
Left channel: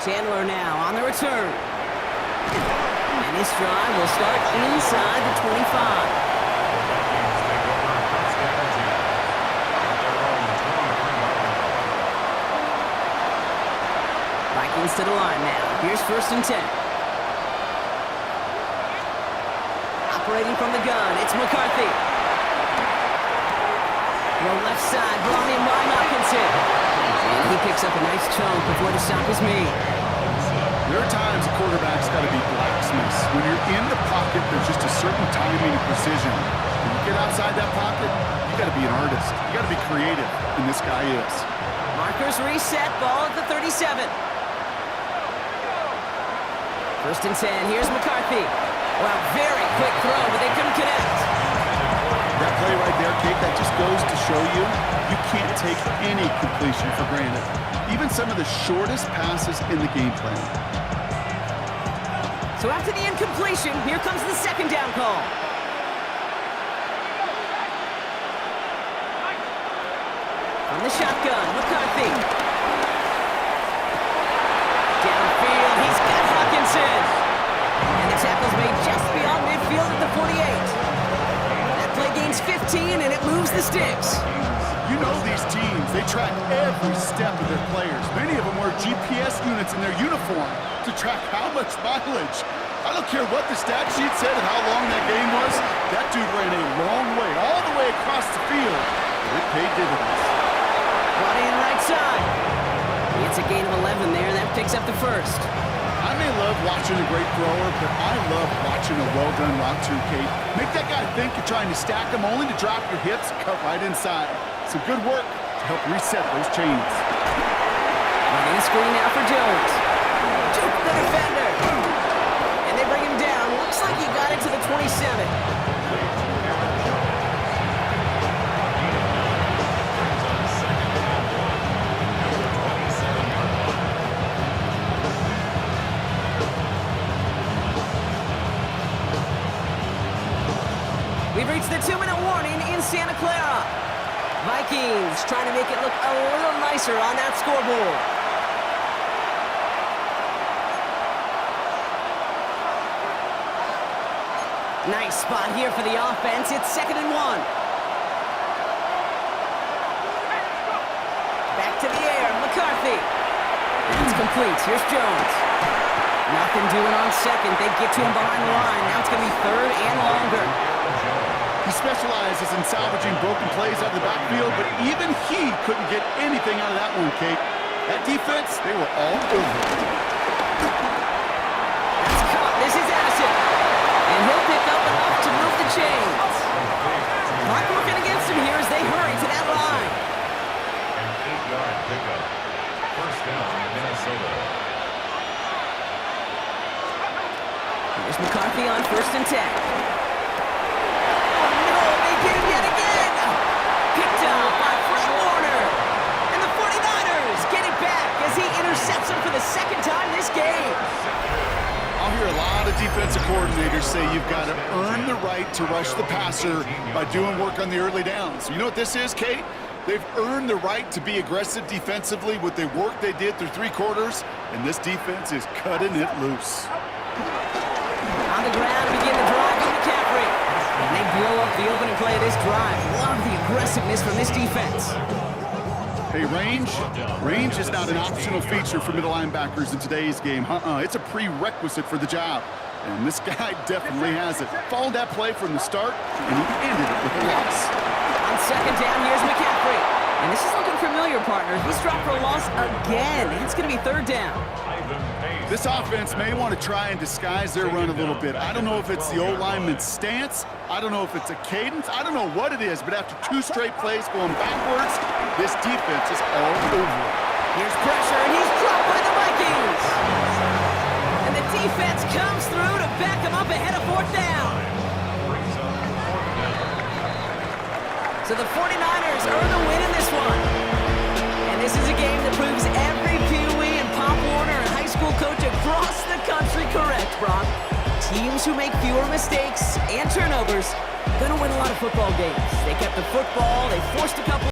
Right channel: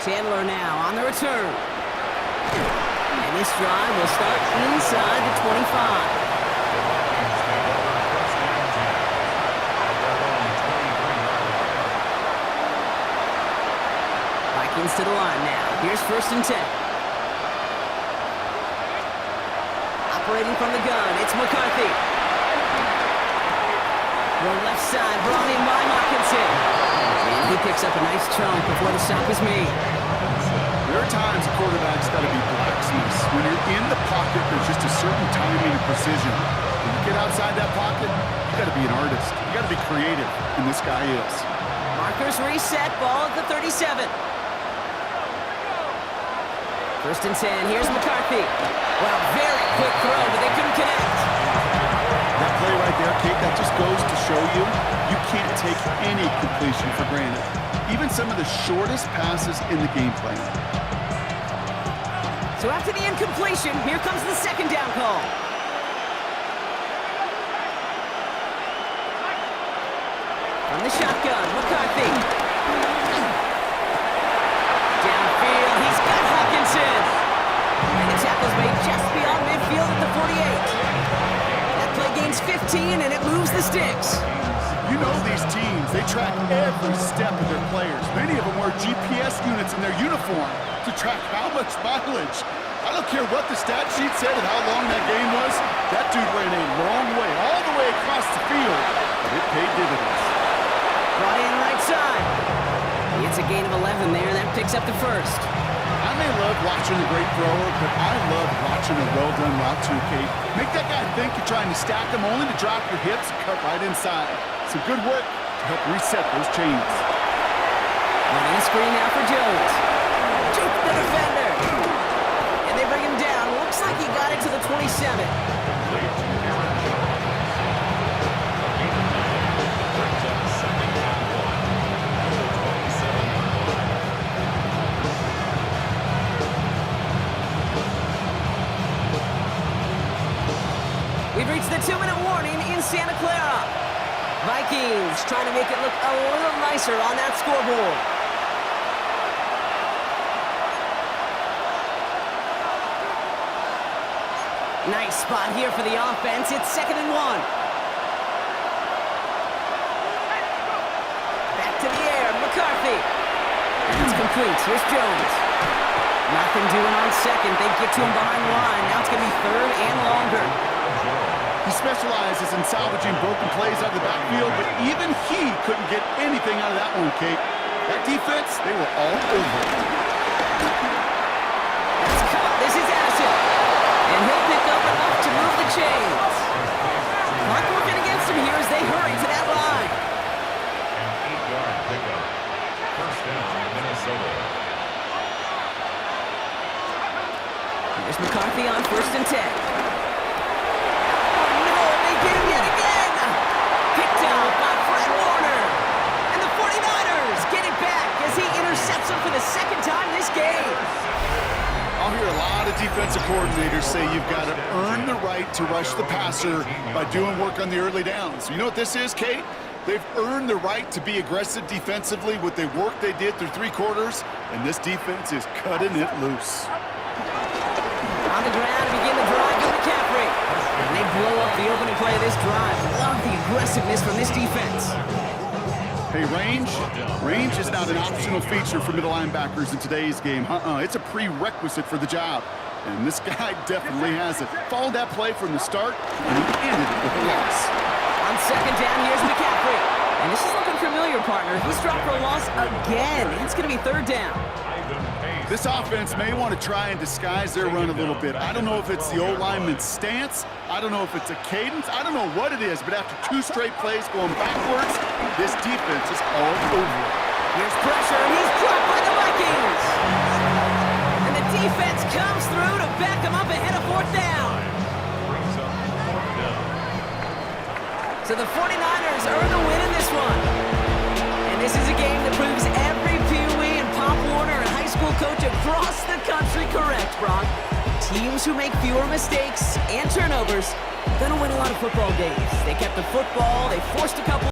Chandler now on the return. And this drive will start inside the 25. The Vikings take over first down 10 at their own 23-yard line. Vikings to the line now. Here's first and 10. Operating from the gun, it's McCarthy. Throw left side, brought in by Hawkinson. And he picks up a nice chunk before the stop is made. There are times a quarterback's got to be blacksmiths. When you're in the pocket, there's just a certain timing and precision. When you get outside that pocket, you got to be an artist. You got to be creative, and this guy is. Markers reset, ball at the 37. First and 10, here's McCarthy. Well, very quick throw, but they couldn't connect. That play right there, Kate, that just goes to show you can't take any completion for granted. Even some of the shortest passes in the game plan. So after the incompletion, here comes the second down call. From the shotgun, McCarthy. Downfield, he's got Hawkinson. And the tackle's made just beyond midfield at the 48. That play gains 15, and it moves the sticks. You know these teams, they track every step of their players. Many of them wear GPS units in their uniform to track how much mileage. I don't care what the stat sheet said and how long that game was. That dude ran a long way, all the way across the field, but it paid dividends. Brought in right side. It's a gain of 11 there, and that picks up the first. I may love watching a great thrower, but I love watching a well-done route too, Kate. Make that guy think you're trying to stack him only to drop your hips and cut right inside. Some good work to help reset those chains. Running a screen now for Jones. Juke the defender. And they bring him down. Looks like he got it to the 27. Complete to Aaron Jones. A gain of 9 brings up second and 1 at the 27-yard line. We've reached the 2-minute warning in Santa Clara. Vikings trying to make it look a little nicer on that scoreboard. Nice spot here for the offense. It's 2nd and 1. Back to the air, McCarthy. And it's complete. Here's Jones. Nothing doing on second. They get to him behind the line. Now it's going to be 3rd and longer. He specializes in salvaging broken plays out of the backfield, but even he couldn't get anything out of that one, Kate. That defense, they were all over it. That's caught. This is Addison. And he'll pick up enough to move the chains. Clock working against him here as they hurry to that line. An 8-yard pickup. First down, Minnesota. Here's McCarthy on 1st and 10. Get him yet again! Picked up by Fred Warner. And the 49ers get it back as he intercepts him for the second time this game. hear a lot of defensive coordinators say you've got to earn the right to rush the passer by doing work on the early downs. You know what this is, Kate? They've earned the right to be aggressive defensively with the work they did through 3 quarters, and this defense is cutting it loose. On the ground to begin the drive with McCaffrey. And they blow up the opening play of this drive. Love the aggressiveness from this defense. Hey, range is not an optional feature for middle linebackers in today's game. It's a prerequisite for the job. And this guy definitely has it. Followed that play from the start, and he ended it with a loss. On second down, here's McCaffrey. And this is looking familiar, partner. He's dropped for a loss again. It's going to be third down. This offense may want to try and disguise their run a little bit. I don't know if it's the O-lineman's stance. I don't know if it's a cadence. I don't know what it is, but after 2 straight plays going backwards, this defense is all over it. Here's pressure, and he's dropped by the Vikings. And the defense comes through to back him up ahead of fourth down. Brings up fourth down. So the 49ers earn the win in this one. And this is a game that proves every Pee Wee and Pop Warner and high school coach across the country correct, Brock. Teams who make fewer mistakes and turnovers gonna win a lot of football games. They kept the football, they forced a couple